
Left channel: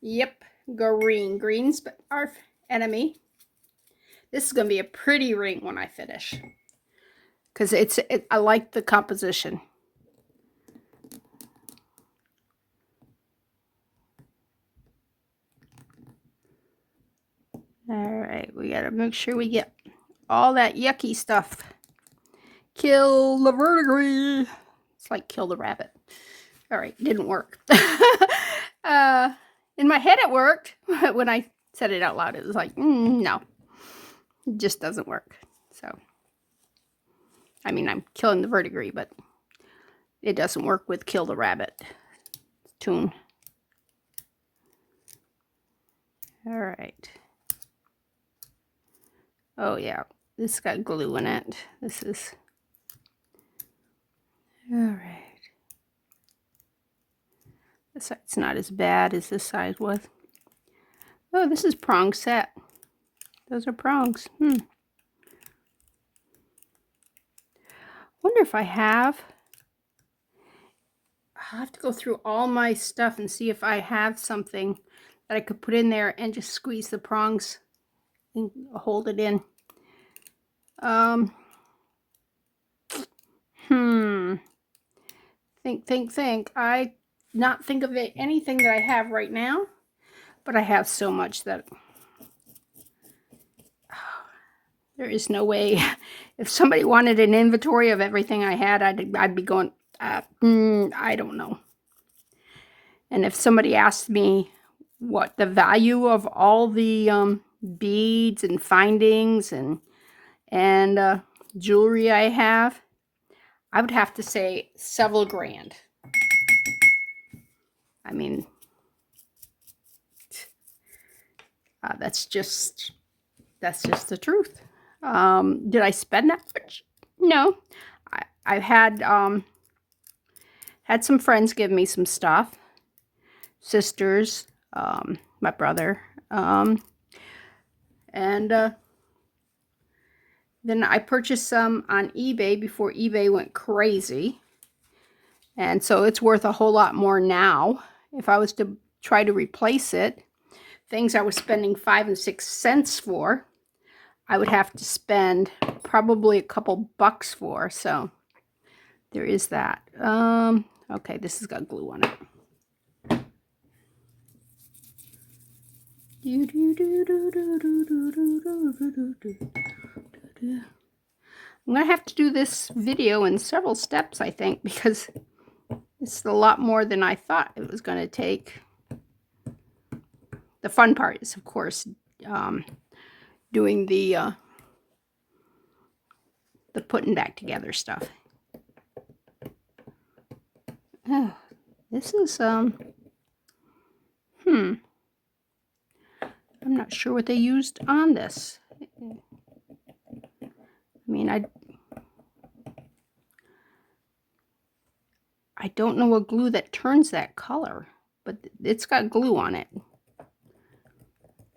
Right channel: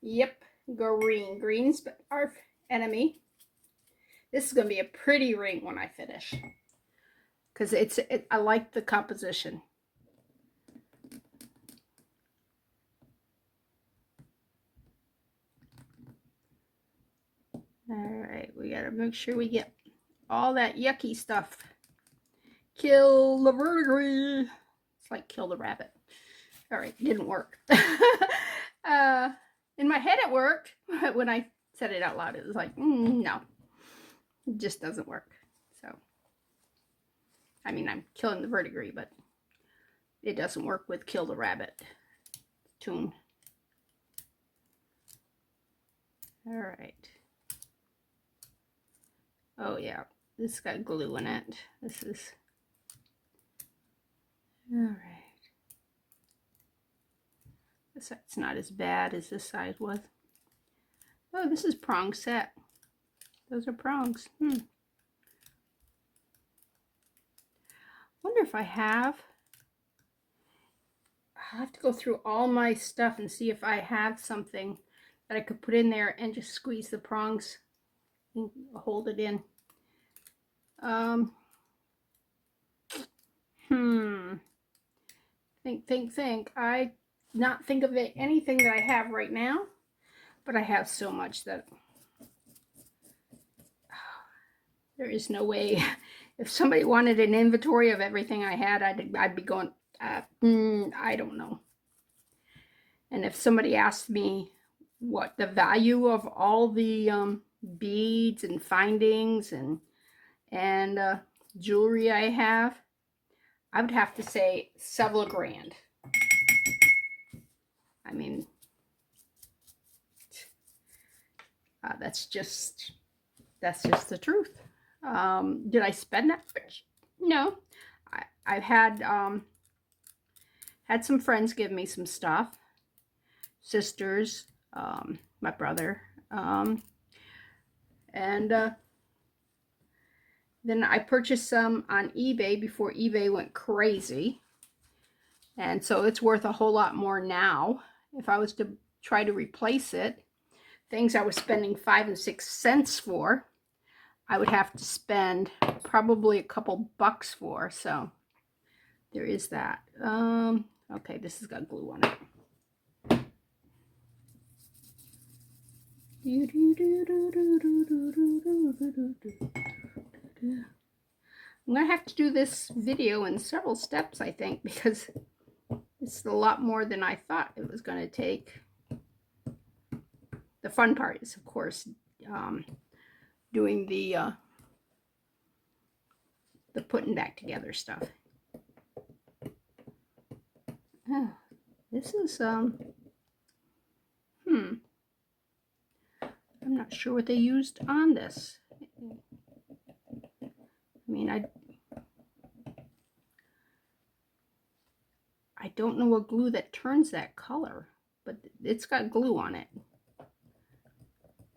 Yep, green. Green's our enemy. This is going to be a pretty ring when I finish. Because I like the composition. Alright, we got to make sure we get all that yucky stuff. Kill the verdigris. It's like kill the rabbit. Alright, didn't work. In my head it worked. When I said it out loud, it was like, no. It just doesn't work. So, I mean, I'm killing the verdigris, but it doesn't work with kill the rabbit tune. Alright. Oh yeah, this got glue in it. This is... Alright. This side's not as bad as this side was. Oh, this is prong set. Those are prongs. Wonder if I'll have to go through all my stuff and see if I have something that I could put in there and just squeeze the prongs and hold it in. Think. I not think of anything that I have right now, but I have so much that there is no way. If somebody wanted an inventory of everything I had, I'd be going, I don't know. And if somebody asked me what the value of all the beads and findings and jewelry I have, I would have to say several grand. I mean, that's just the truth. Did I spend that much? No. I've had some friends give me some stuff. Sisters, my brother, and then I purchased some on eBay before eBay went crazy. And so it's worth a whole lot more now. If I was to try to replace it, things I was spending 5 and 6 cents for, I would have to spend probably a couple bucks for. So there is that. Okay, this has got glue on it. I'm going to have to do this video in several steps, I think, because it's a lot more than I thought it was going to take. The fun part is, of course, doing the putting back together stuff. Oh, this is, I'm not sure what they used on this. I mean, I don't know a glue that turns that color, but it's got glue on it.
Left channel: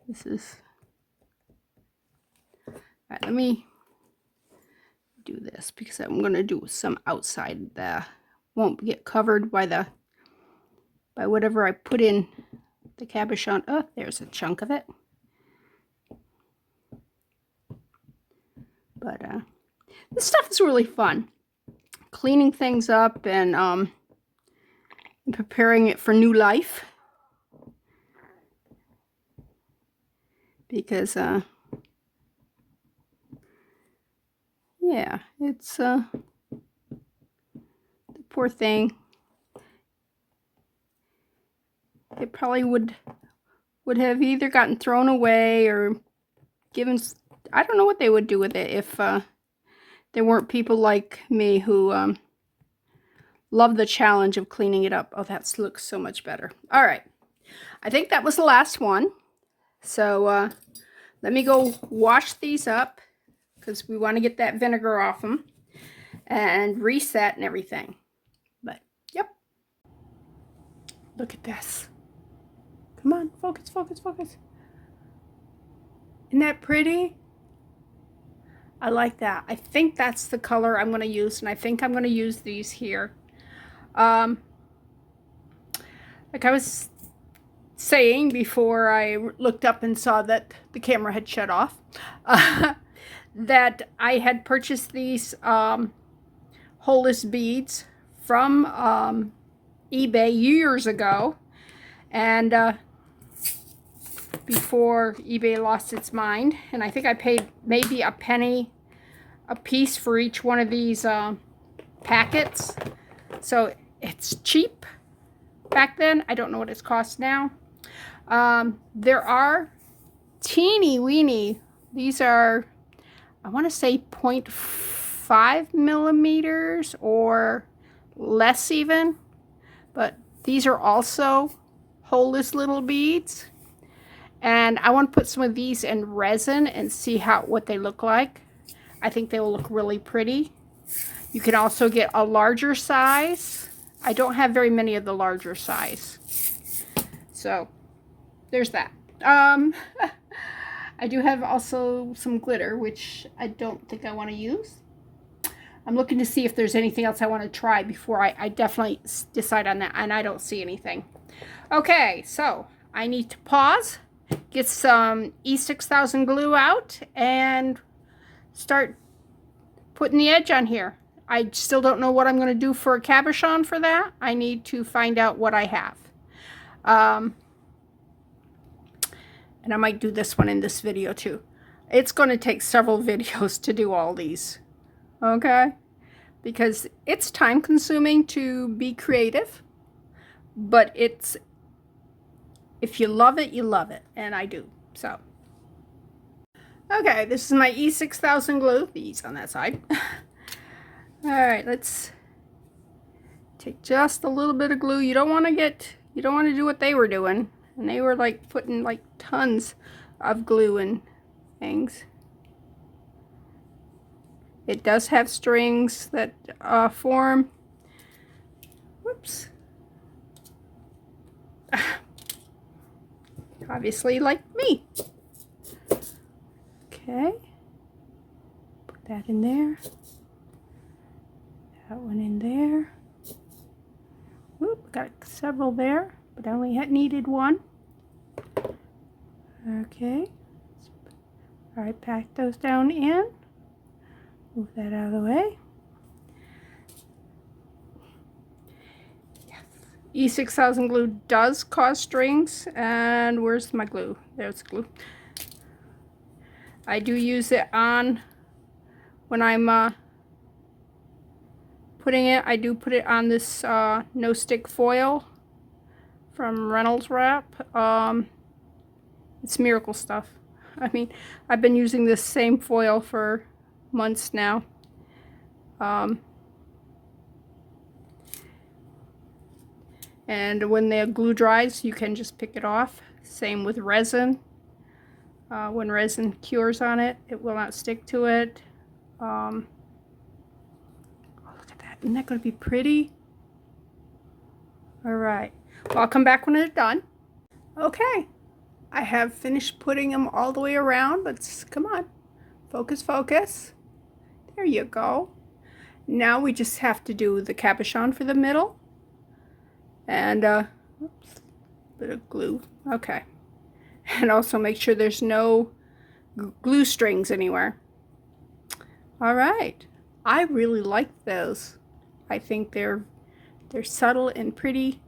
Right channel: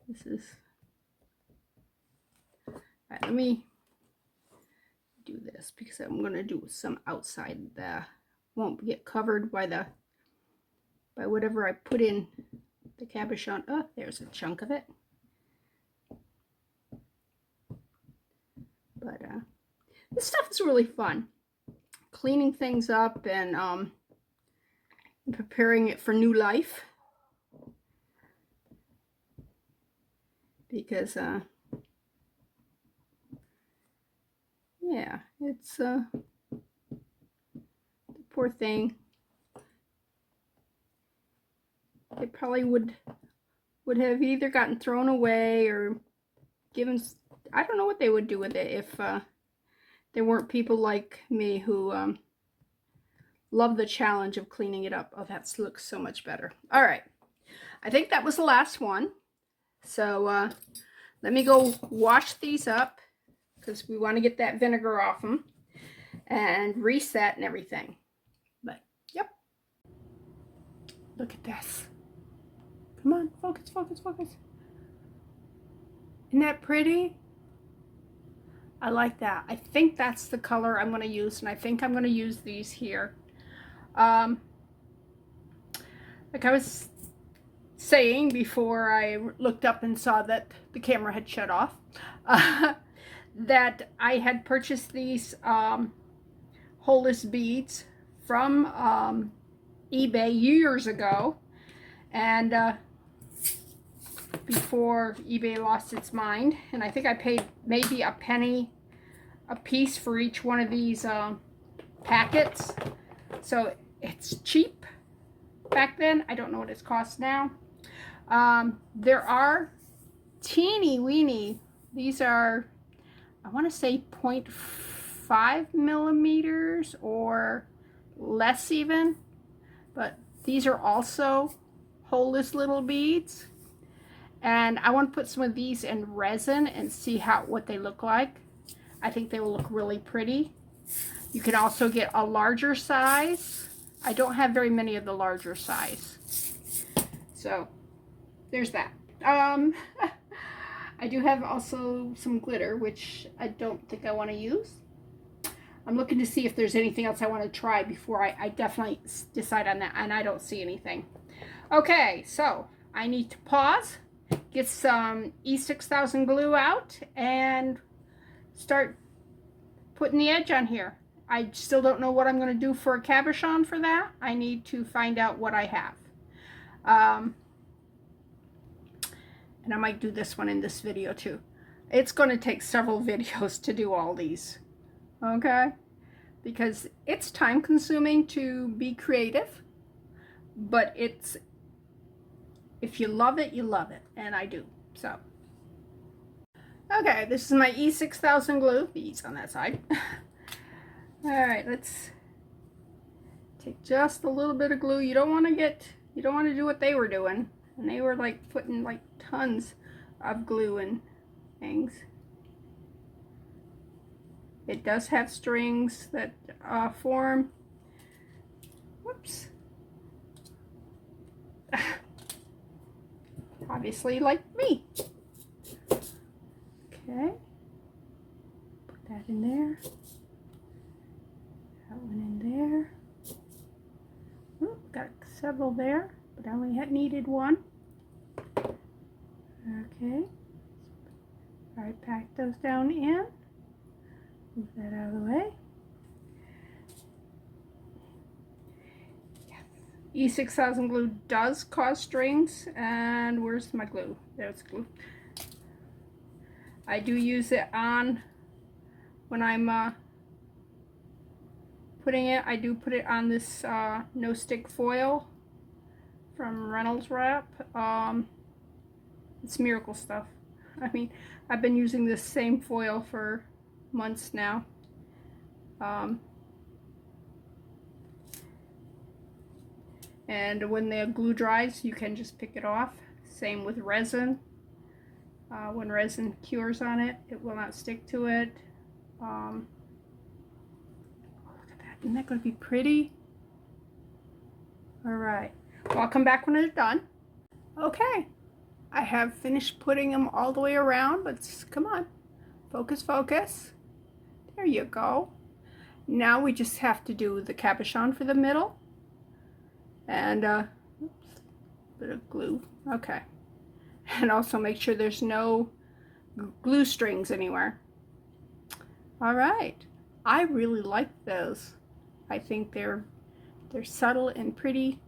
This is, all right, let me do this because I'm going to do some outside that won't get covered by whatever I put in the cabochon. Oh, there's a chunk of it. But this stuff is really fun. Cleaning things up and preparing it for new life. Because, yeah, it's, the poor thing. It probably would have either gotten thrown away or given, I don't know what they would do with it if there weren't people like me who love the challenge of cleaning it up. Oh, that looks so much better. All right. I think that was the last one. So let me go wash these up because we want to get that vinegar off them and reset and everything. But, yep. Look at this. Come on, focus, focus, focus. Isn't that pretty? I like that. I think that's the color I'm going to use, and I think I'm going to use these here. Like I was saying before I looked up and saw that the camera had shut off, that I had purchased these holeless beads from eBay years ago, and before eBay lost its mind, and I think I paid maybe a penny a piece for each one of these packets, so it's cheap back then. I don't know what it's cost now. There are teeny weeny, these are, I want to say 0.5 millimeters or less even, but these are also holeless little beads, and I want to put some of these in resin and see what they look like. I think they will look really pretty. You can also get a larger size. I don't have very many of the larger size, so there's that. I do have also some glitter, which I don't think I want to use. I'm looking to see if there's anything else I want to try before I definitely decide on that, and I don't see anything. Okay, so I need to pause, get some E6000 glue out, and start putting the edge on here. I still don't know what I'm going to do for a cabochon for that. I need to find out what I have. And I might do this one in this video too. It's going to take several videos to do all these. Okay? Because it's time consuming to be creative. But it's, if you love it, you love it. And I do. So. Okay, this is my E6000 glue. The E's on that side. Alright, let's take just a little bit of glue. You don't want to do what they were doing. And they were like putting like tons of glue and things. It does have strings that form. Whoops. Obviously like me. Okay. Put that in there. That one in there. several there, but I only had needed one. Okay. All right, pack those down in. Move that out of the way. Yes. E6000 glue does cause strings. And where's my glue? There's glue. I do use it on when I'm putting it. I do put it on this no stick foil from Reynolds Wrap. It's miracle stuff. I mean, I've been using this same foil for months now. And when the glue dries, you can just pick it off. Same with resin. When resin cures on it, it will not stick to it. Oh, look at that. Isn't that going to be pretty? All right. Well, I'll come back when it's done. Okay. I have finished putting them all the way around. Let's, come on. Focus, focus. There you go. Now we just have to do the cabochon for the middle. And, oops, bit of glue. Okay. And also make sure there's no glue strings anywhere. All right. I really like those. I think they're subtle and pretty.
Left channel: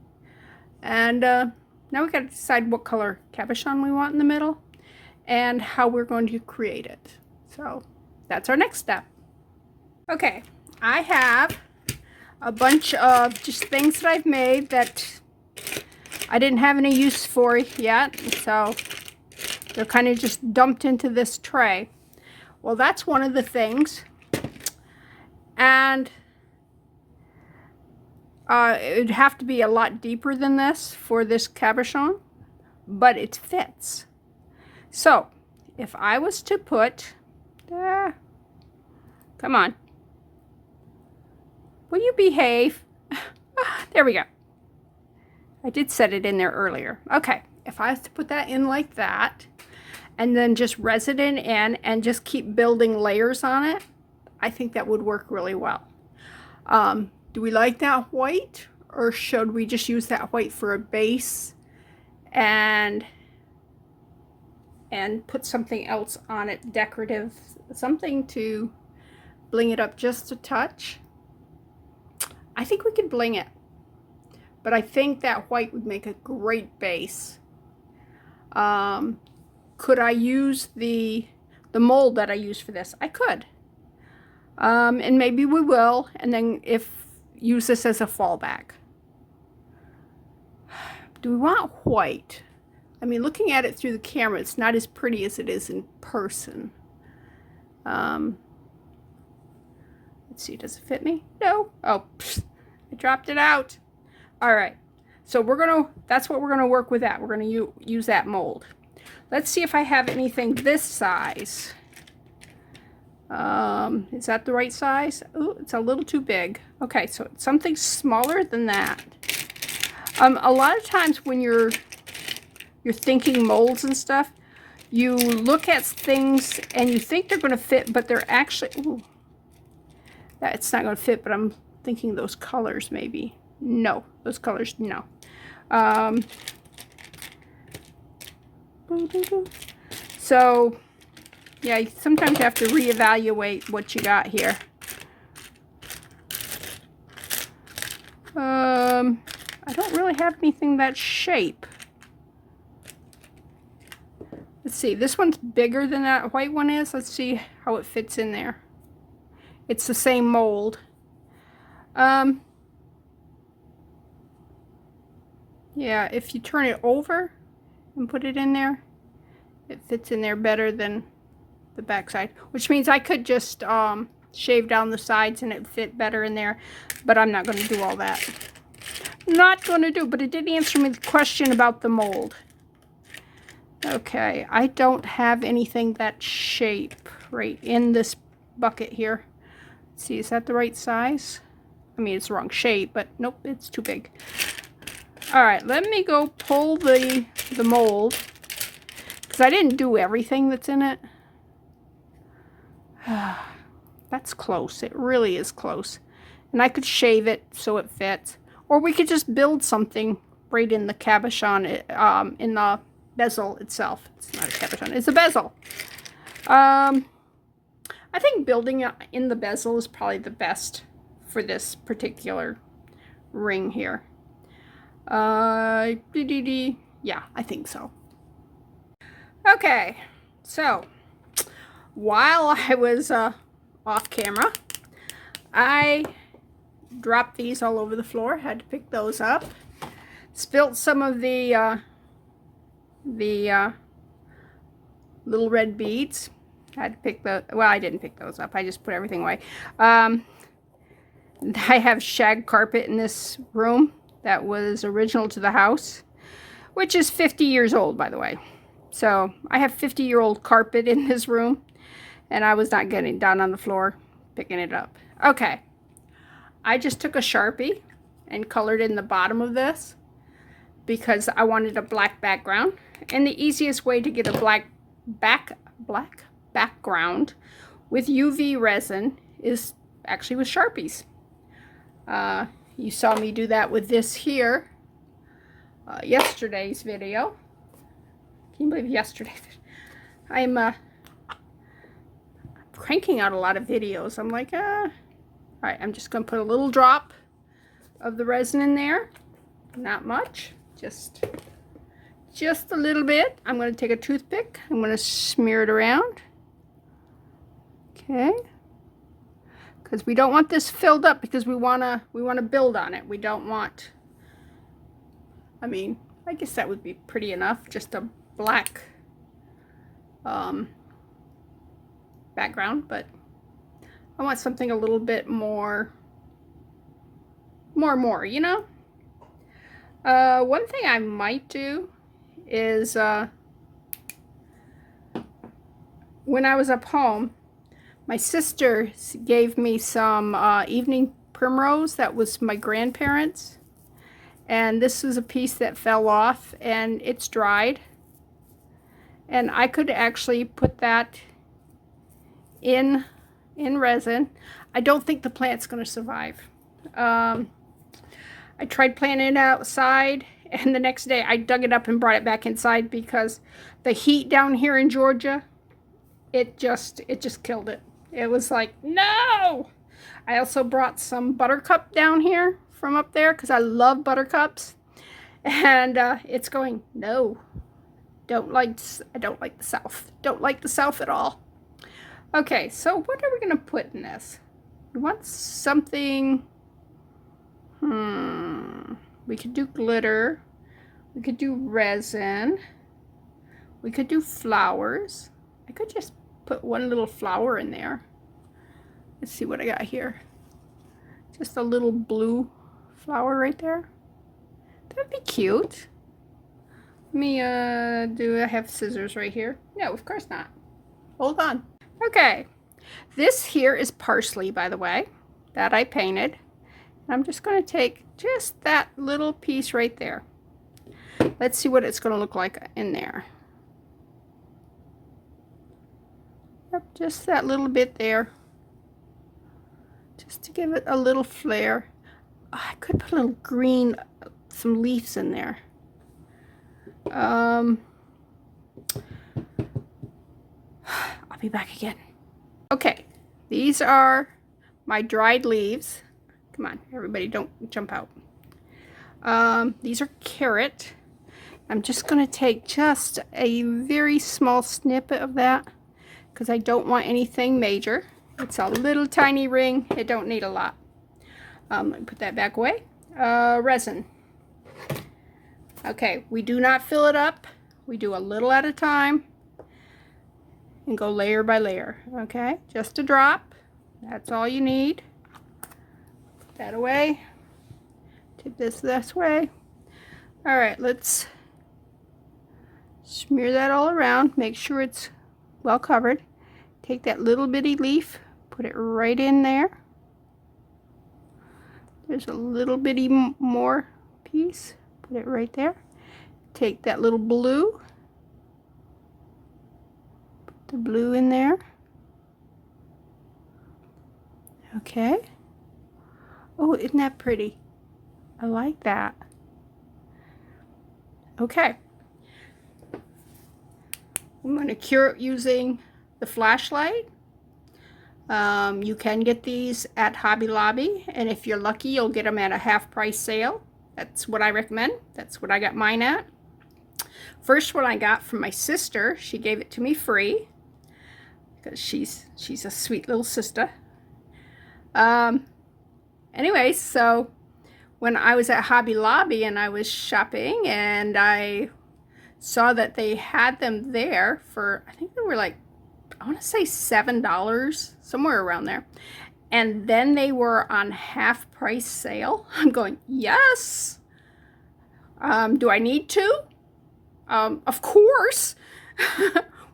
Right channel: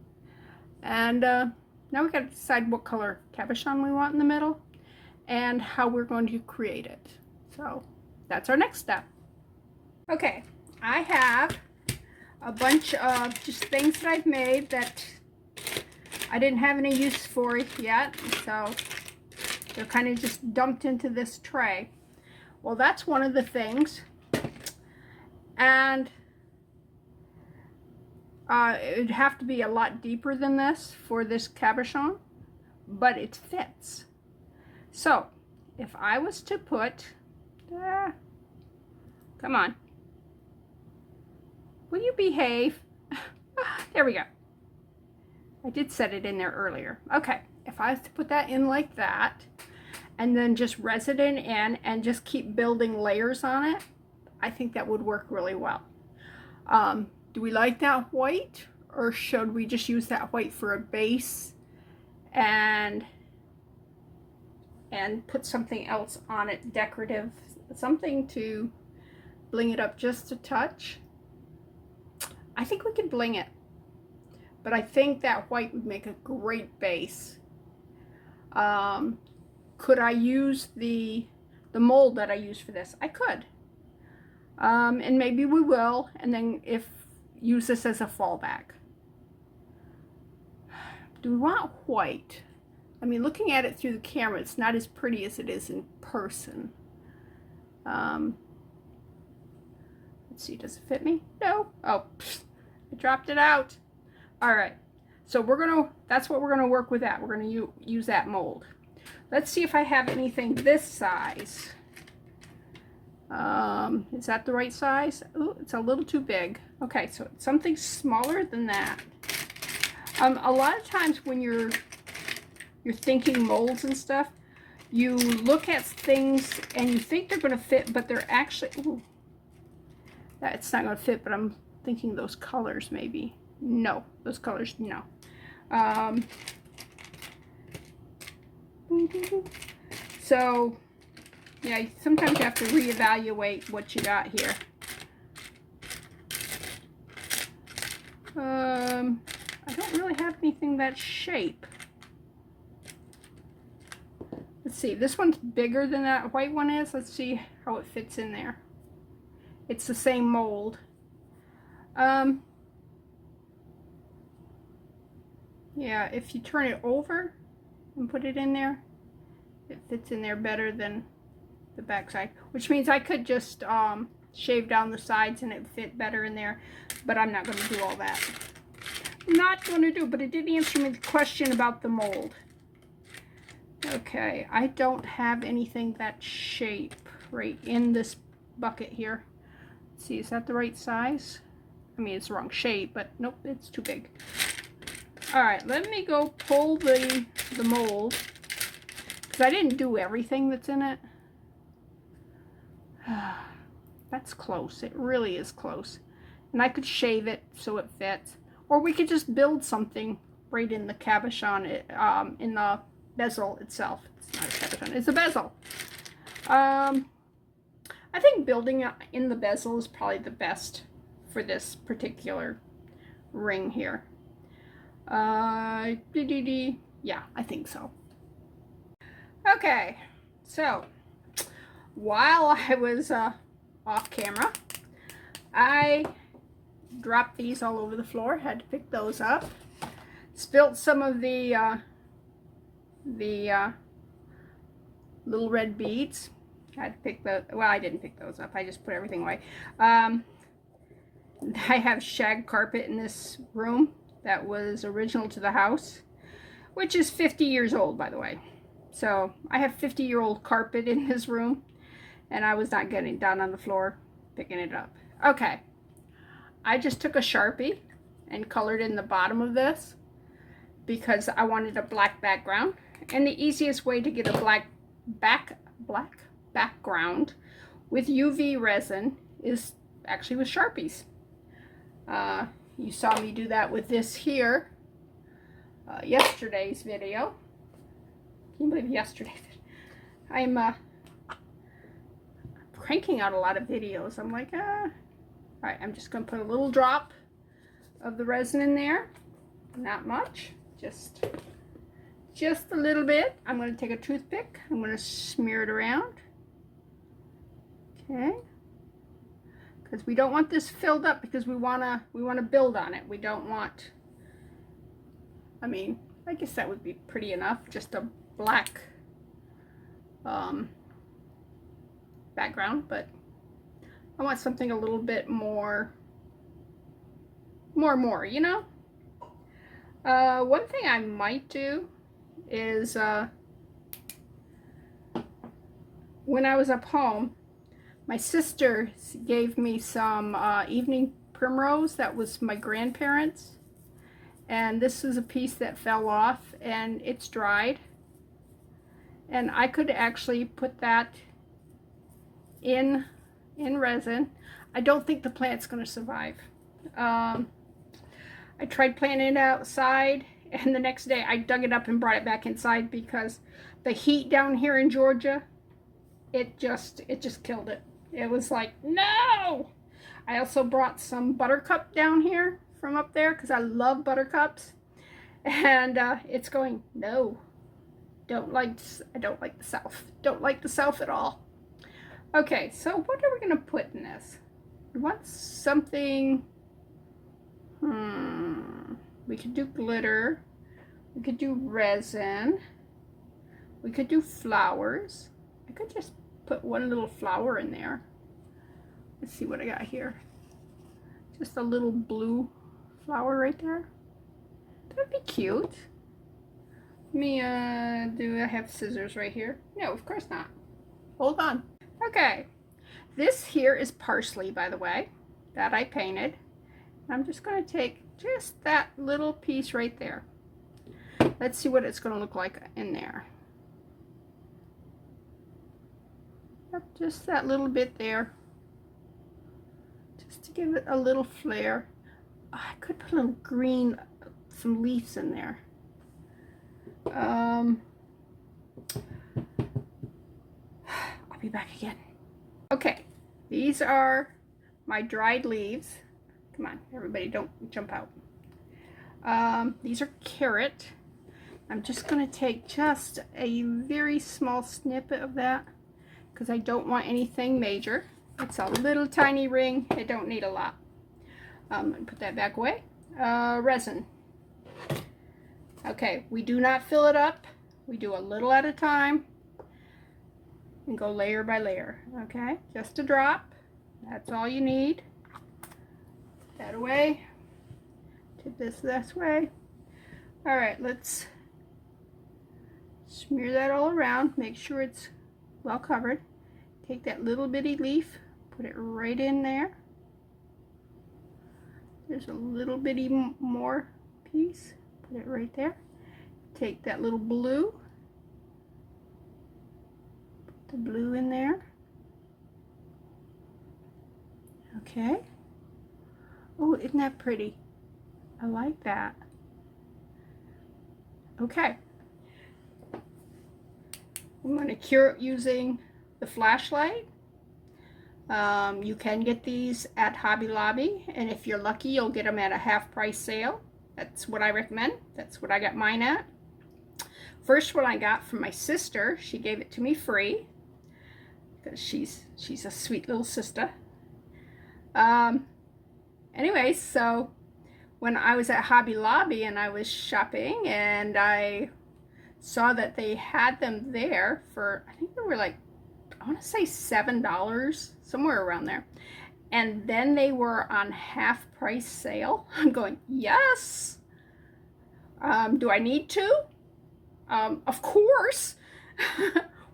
And now we got to decide what color cabochon we want in the middle and how we're going to create it. So that's our next step. Okay, I have a bunch of just things that I've made that I didn't have any use for yet, so they're kind of just dumped into this tray. Well, that's one of the things. And it'd have to be a lot deeper than this for this cabochon, but it fits. So if I was to put, come on, will you behave? There we go. I did set it in there earlier. Okay, if I was to put that in like that, and then just resin it in and just keep building layers on it, I think that would work really well. Do we like that white, or should we just use that white for a base and put something else on it, decorative, something to bling it up just a touch? I think we could bling it, but I think that white would make a great base. Could I use the mold that I use for this? I could. And maybe we will, and then use this as a fallback. Do we want white? I mean, looking at it through the camera, it's not as pretty as it is in person. Let's see, does it fit me? No. Oh, pfft, I dropped it out. All right, so that's what we're gonna work with that. We're gonna use that mold. Let's see if I have anything this size. Is that the right size? Oh, it's a little too big. Okay, so something smaller than that. A lot of times when you're thinking molds and stuff, you look at things and you think they're going to fit, but they're actually, ooh, it's not going to fit, but I'm thinking those colors maybe. No, those colors, no. So, yeah, sometimes you have to reevaluate what you got here. I don't really have anything that shape. Let's see, this one's bigger than that white one is. Let's see how it fits in there. It's the same mold. Yeah, if you turn it over and put it in there, it fits in there better than the back side, which means I could just shave down the sides and it fit better in there, but I'm not going to do all that. Not going to do, but it did answer me the question about the mold. Okay, I don't have anything that shape right in this bucket here. Let's see, is that the right size? I mean, it's the wrong shape, but nope, it's too big. All right, let me go pull the mold, because I didn't do everything that's in it. That's close. It really is close. And I could shave it so it fits. Or we could just build something right in the cabochon, in the bezel itself. It's not a cabochon, it's a bezel. I think building it in the bezel is probably the best for this particular ring here. Yeah, I think so. Okay, so while I was off camera, I dropped these all over the floor, had to pick those up, spilt some of the little red beads. I had to pick the, well, I didn't pick those up, I just put everything away. I have shag carpet in this room that was original to the house, which is 50 years old, by the way. So I have 50-year-old carpet in this room, and I was not getting down on the floor picking it up. Okay, I just took a Sharpie and colored in the bottom of this because I wanted a black background, and the easiest way to get a black background with UV resin is actually with Sharpies. You saw me do that with this here, yesterday's video. Can you believe yesterday? I'm cranking out a lot of videos. I'm like, all right, I'm just gonna put a little drop of the resin in there. Not much, just a little bit. I'm gonna take a toothpick. I'm gonna smear it around. Okay, because we don't want this filled up, because we wanna build on it. We don't want, I mean, I guess that would be pretty enough, just a black background, but I want something a little bit more, you know. One thing I might do is, when I was up home, my sister gave me some evening primrose that was my grandparents, and this was a piece that fell off and it's dried, and I could actually put that in resin. I don't think the plant's going to survive. I tried planting it outside, and the next day I dug it up and brought it back inside because the heat down here in Georgia, it just killed it. It was like, no! I also brought some buttercup down here from up there because I love buttercups, and it's going, no, I don't like the South. Don't like the South at all. Okay, so what are we going to put in this? We want something, we could do glitter, we could do resin, we could do flowers. I could just put one little flower in there. Let's see what I got here. Just a little blue flower right there. That'd be cute. Let me, do I have scissors right here? No, of course not. Hold on. Okay, this here is parsley, by the way, that I painted. I'm just going to take just that little piece right there. Let's see what it's going to look like in there. Yep, just that little bit there, just to give it a little flair. Oh, I could put a little green, some leaves in there. I'll be back again. Okay, these are my dried leaves. Come on, everybody, don't jump out. These are carrot. I'm just going to take just a very small snippet of that because I don't want anything major. It's a little tiny ring. It don't need a lot. Let me put that back away. Resin. Okay, we do not fill it up. We do a little at a time and go layer by layer. Okay, just a drop. That's all you need. Put that away. Tip this way. All right, let's smear that all around. Make sure it's well covered. Take that little bitty leaf, put it right in there. There's a little bitty more piece. Put it right there. Take that little blue. Put the blue in there. Okay. Oh, isn't that pretty? I like that. Okay. I'm going to cure it using the flashlight. You can get these at Hobby Lobby, and if you're lucky, you'll get them at a half-price sale. That's what I recommend. That's what I got mine at. First one I got from my sister. She gave it to me free because she's a sweet little sister. Anyway, so when I was at Hobby Lobby and I was shopping, and I saw that they had them there for, I think they were like, I want to say $7, somewhere around there. And then they were on half price sale. I'm going, yes. Do I need to? Of course.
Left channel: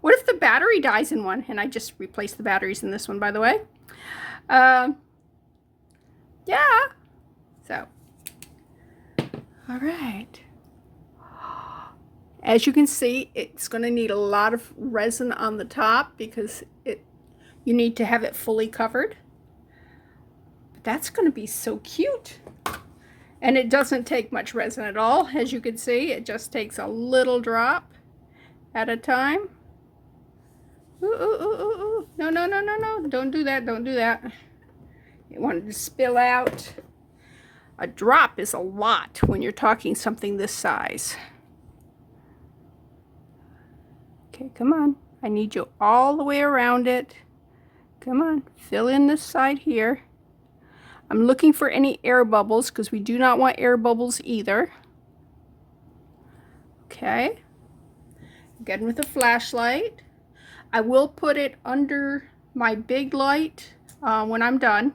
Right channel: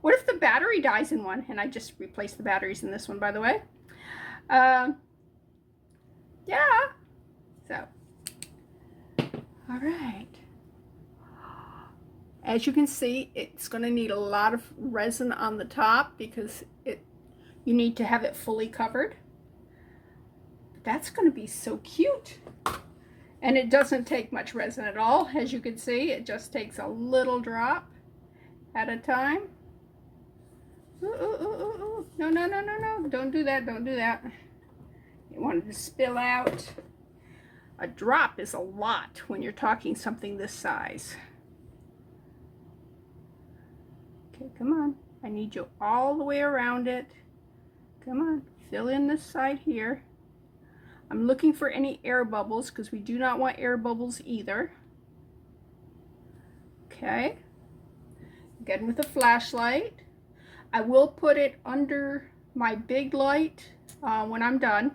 What if the battery dies in one? And I just replaced the batteries in this one, by the way. Yeah. So, all right. As you can see, it's going to need a lot of resin on the top because you need to have it fully covered. But that's going to be so cute. And it doesn't take much resin at all. As you can see, it just takes a little drop at a time. Ooh, ooh, ooh, ooh, ooh. No, no, no, no, no. Don't do that. Don't do that. You want it to spill out. A drop is a lot when you're talking something this size. Okay, come on. I need you all the way around it. Come on, fill in this side here. I'm looking for any air bubbles because we do not want air bubbles either. Okay. Again with a flashlight. I will put it under my big light when I'm done.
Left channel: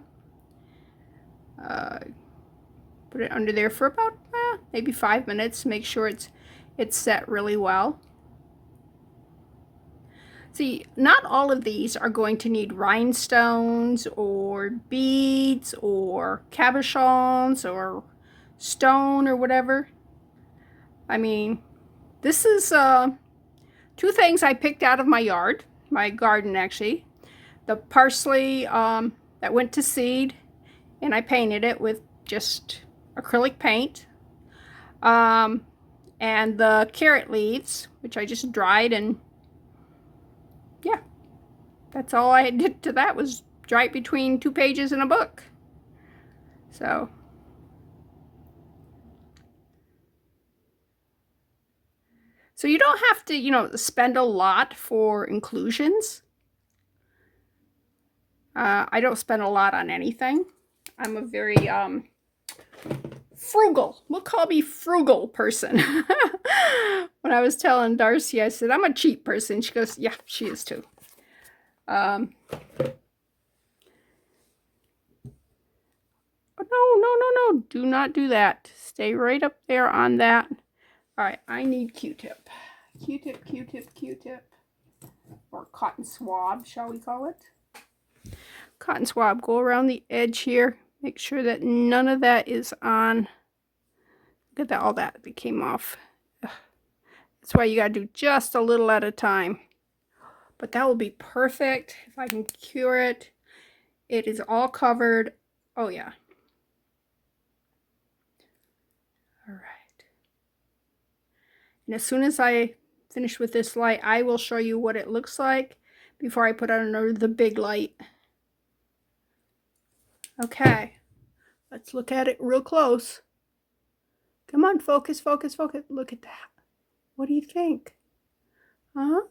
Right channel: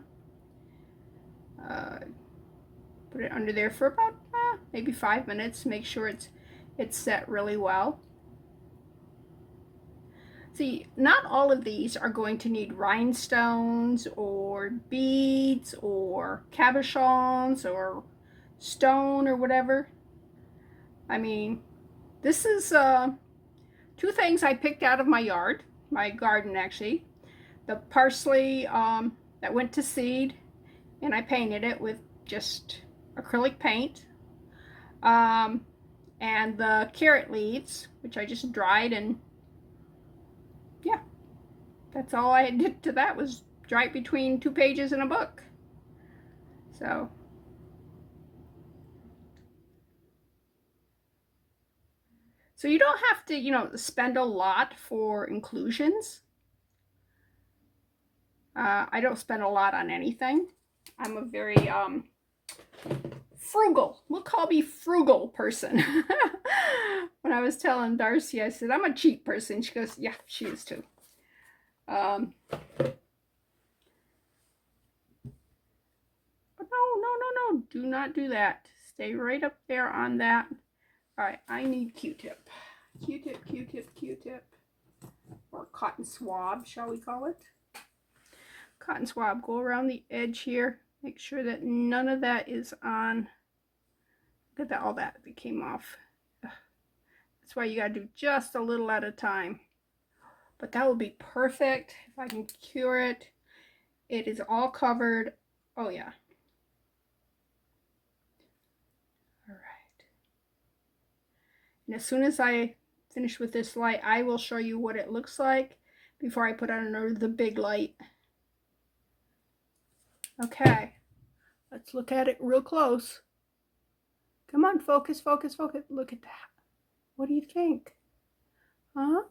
Put it under there for about maybe 5 minutes. Make sure it's set really well. See, not all of these are going to need rhinestones or beads or cabochons or stone or whatever. I mean, this is 2 things I picked out of my yard, my garden actually. The parsley that went to seed, and I painted it with just acrylic paint. And the carrot leaves, which I just dried, and yeah, that's all I did to that, was dry it between 2 pages in a book. So you don't have to, you know, spend a lot for inclusions. I don't spend a lot on anything. I'm a very frugal, we'll call me frugal person. When I was telling Darcy, I said, I'm a cheap person. She goes, yeah, she is too. Oh, no, no, no, no. Do not do that. Stay right up there on that. All right, I need Q-tip. Q-tip, Q-tip, Q-tip. Or cotton swab, shall we call it? Cotton swab. Go around the edge here. Make sure that none of that is on. Look at that, all that came off. That's why you got to do just a little at a time. But that will be perfect if I can cure it. It is all covered. Oh, yeah. All right. And as soon as I finish with this light, I will show you what it looks like before I put it under the big light. Okay. Let's look at it real close. Come on, focus, focus, focus. Look at that. What do you think? Huh?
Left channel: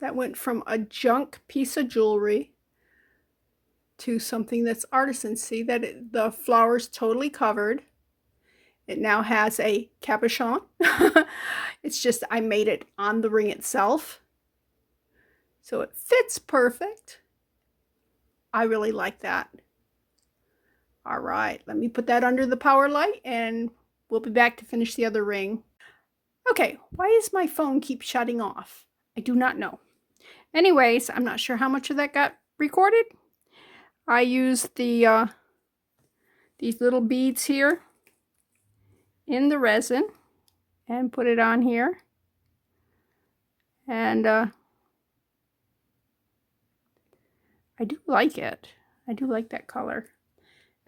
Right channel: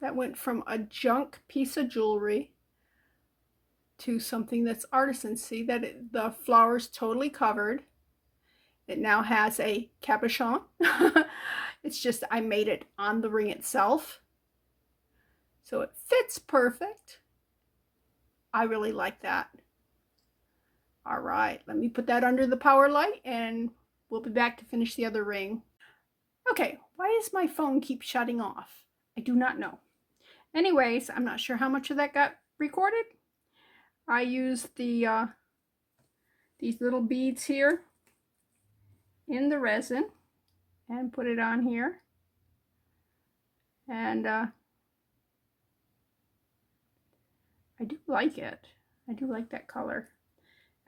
That went from a junk piece of jewelry to something that's artisan. See that the flower's totally covered. It now has a cabochon. It's just I made it on the ring itself. So it fits perfect. I really like that. All right, let me put that under the power light and we'll be back to finish the other ring. Okay, why does my phone keep shutting off? I do not know. Anyways, I'm not sure how much of that got recorded. I used the these little beads here in the resin and put it on here. And I do like it. I do like that color.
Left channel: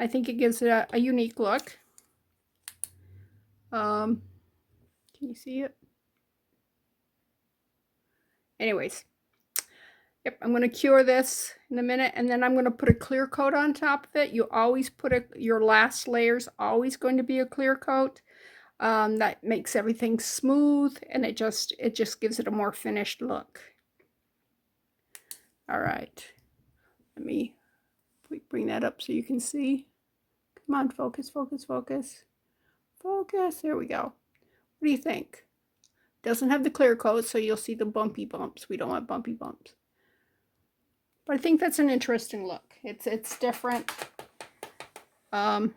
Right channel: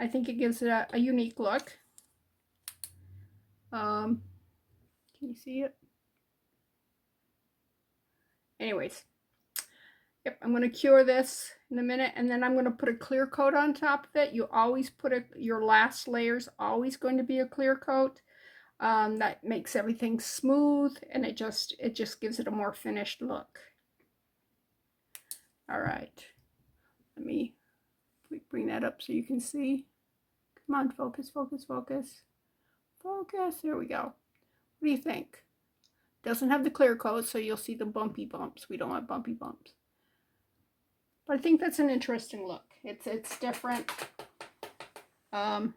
I think it gives it a unique look. Can you see it? Anyways, yep, I'm going to cure this in a minute, and then I'm going to put a clear coat on top of it. You always put your last layer's always going to be a clear coat. That makes everything smooth, and it just gives it a more finished look. All right, let me bring that up so you can see. Come on, focus, focus, focus, focus. There we go. What do you think? Doesn't have the clear coat, so you'll see the bumpy bumps. We don't want bumpy bumps. But I think that's an interesting look. It's different. So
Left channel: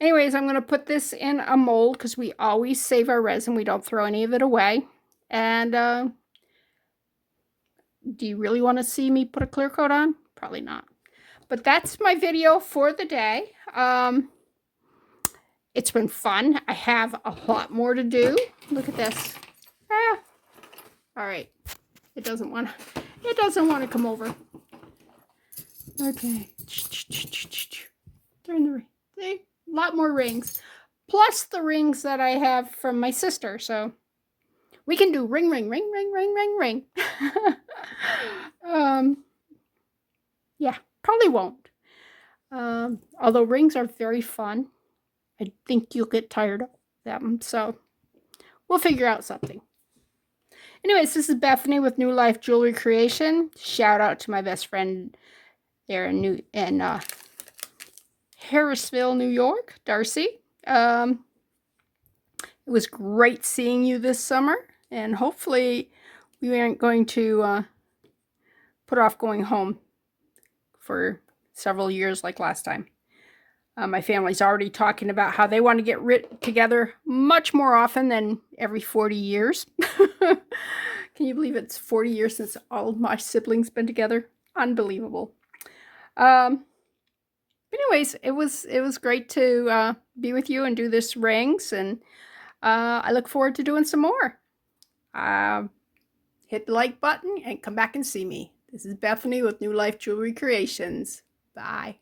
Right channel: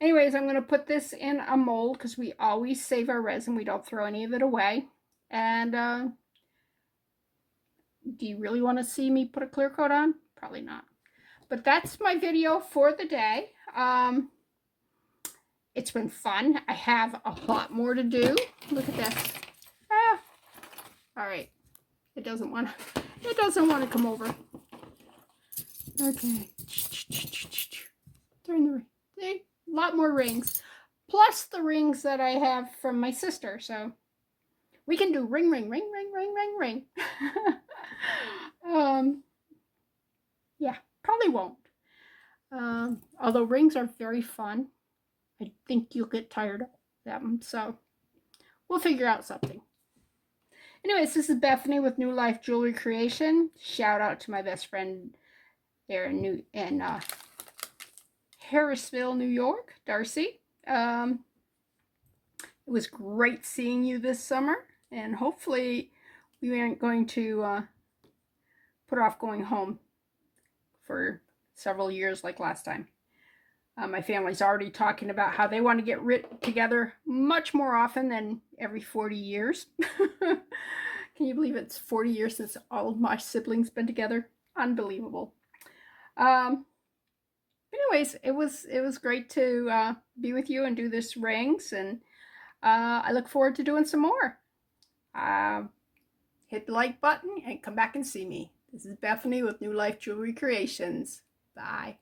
anyways, I'm going to put this in a mold because we always save our resin. We don't throw any of it away. And do you really want to see me put a clear coat on? Probably not. But that's my video for the day. It's been fun. I have a lot more to do. Look at this. Ah. All right. It doesn't want to come over. Okay. Turn the ring. See? A lot more rings. Plus the rings that I have from my sister. So we can do ring, ring, ring, ring, ring, ring, ring. Yeah, probably won't. Although rings are very fun. I think you'll get tired of them. So we'll figure out something. Anyways, this is Bethany with New Life Jewelry Creation. Shout out to my best friend there in Harrisville, New York, Darcy. It was great seeing you this summer, and hopefully we aren't going to put off going home for several years like last time. My family's already talking about how they want to get together much more often than every 40 years. Can you believe it's 40 years since all of my siblings been together? Unbelievable. Anyways, it was great to be with you and do this rings, and I look forward to doing some more. Hit the like button and come back and see me. This is Bethany with New Life Jewelry Creations. Bye.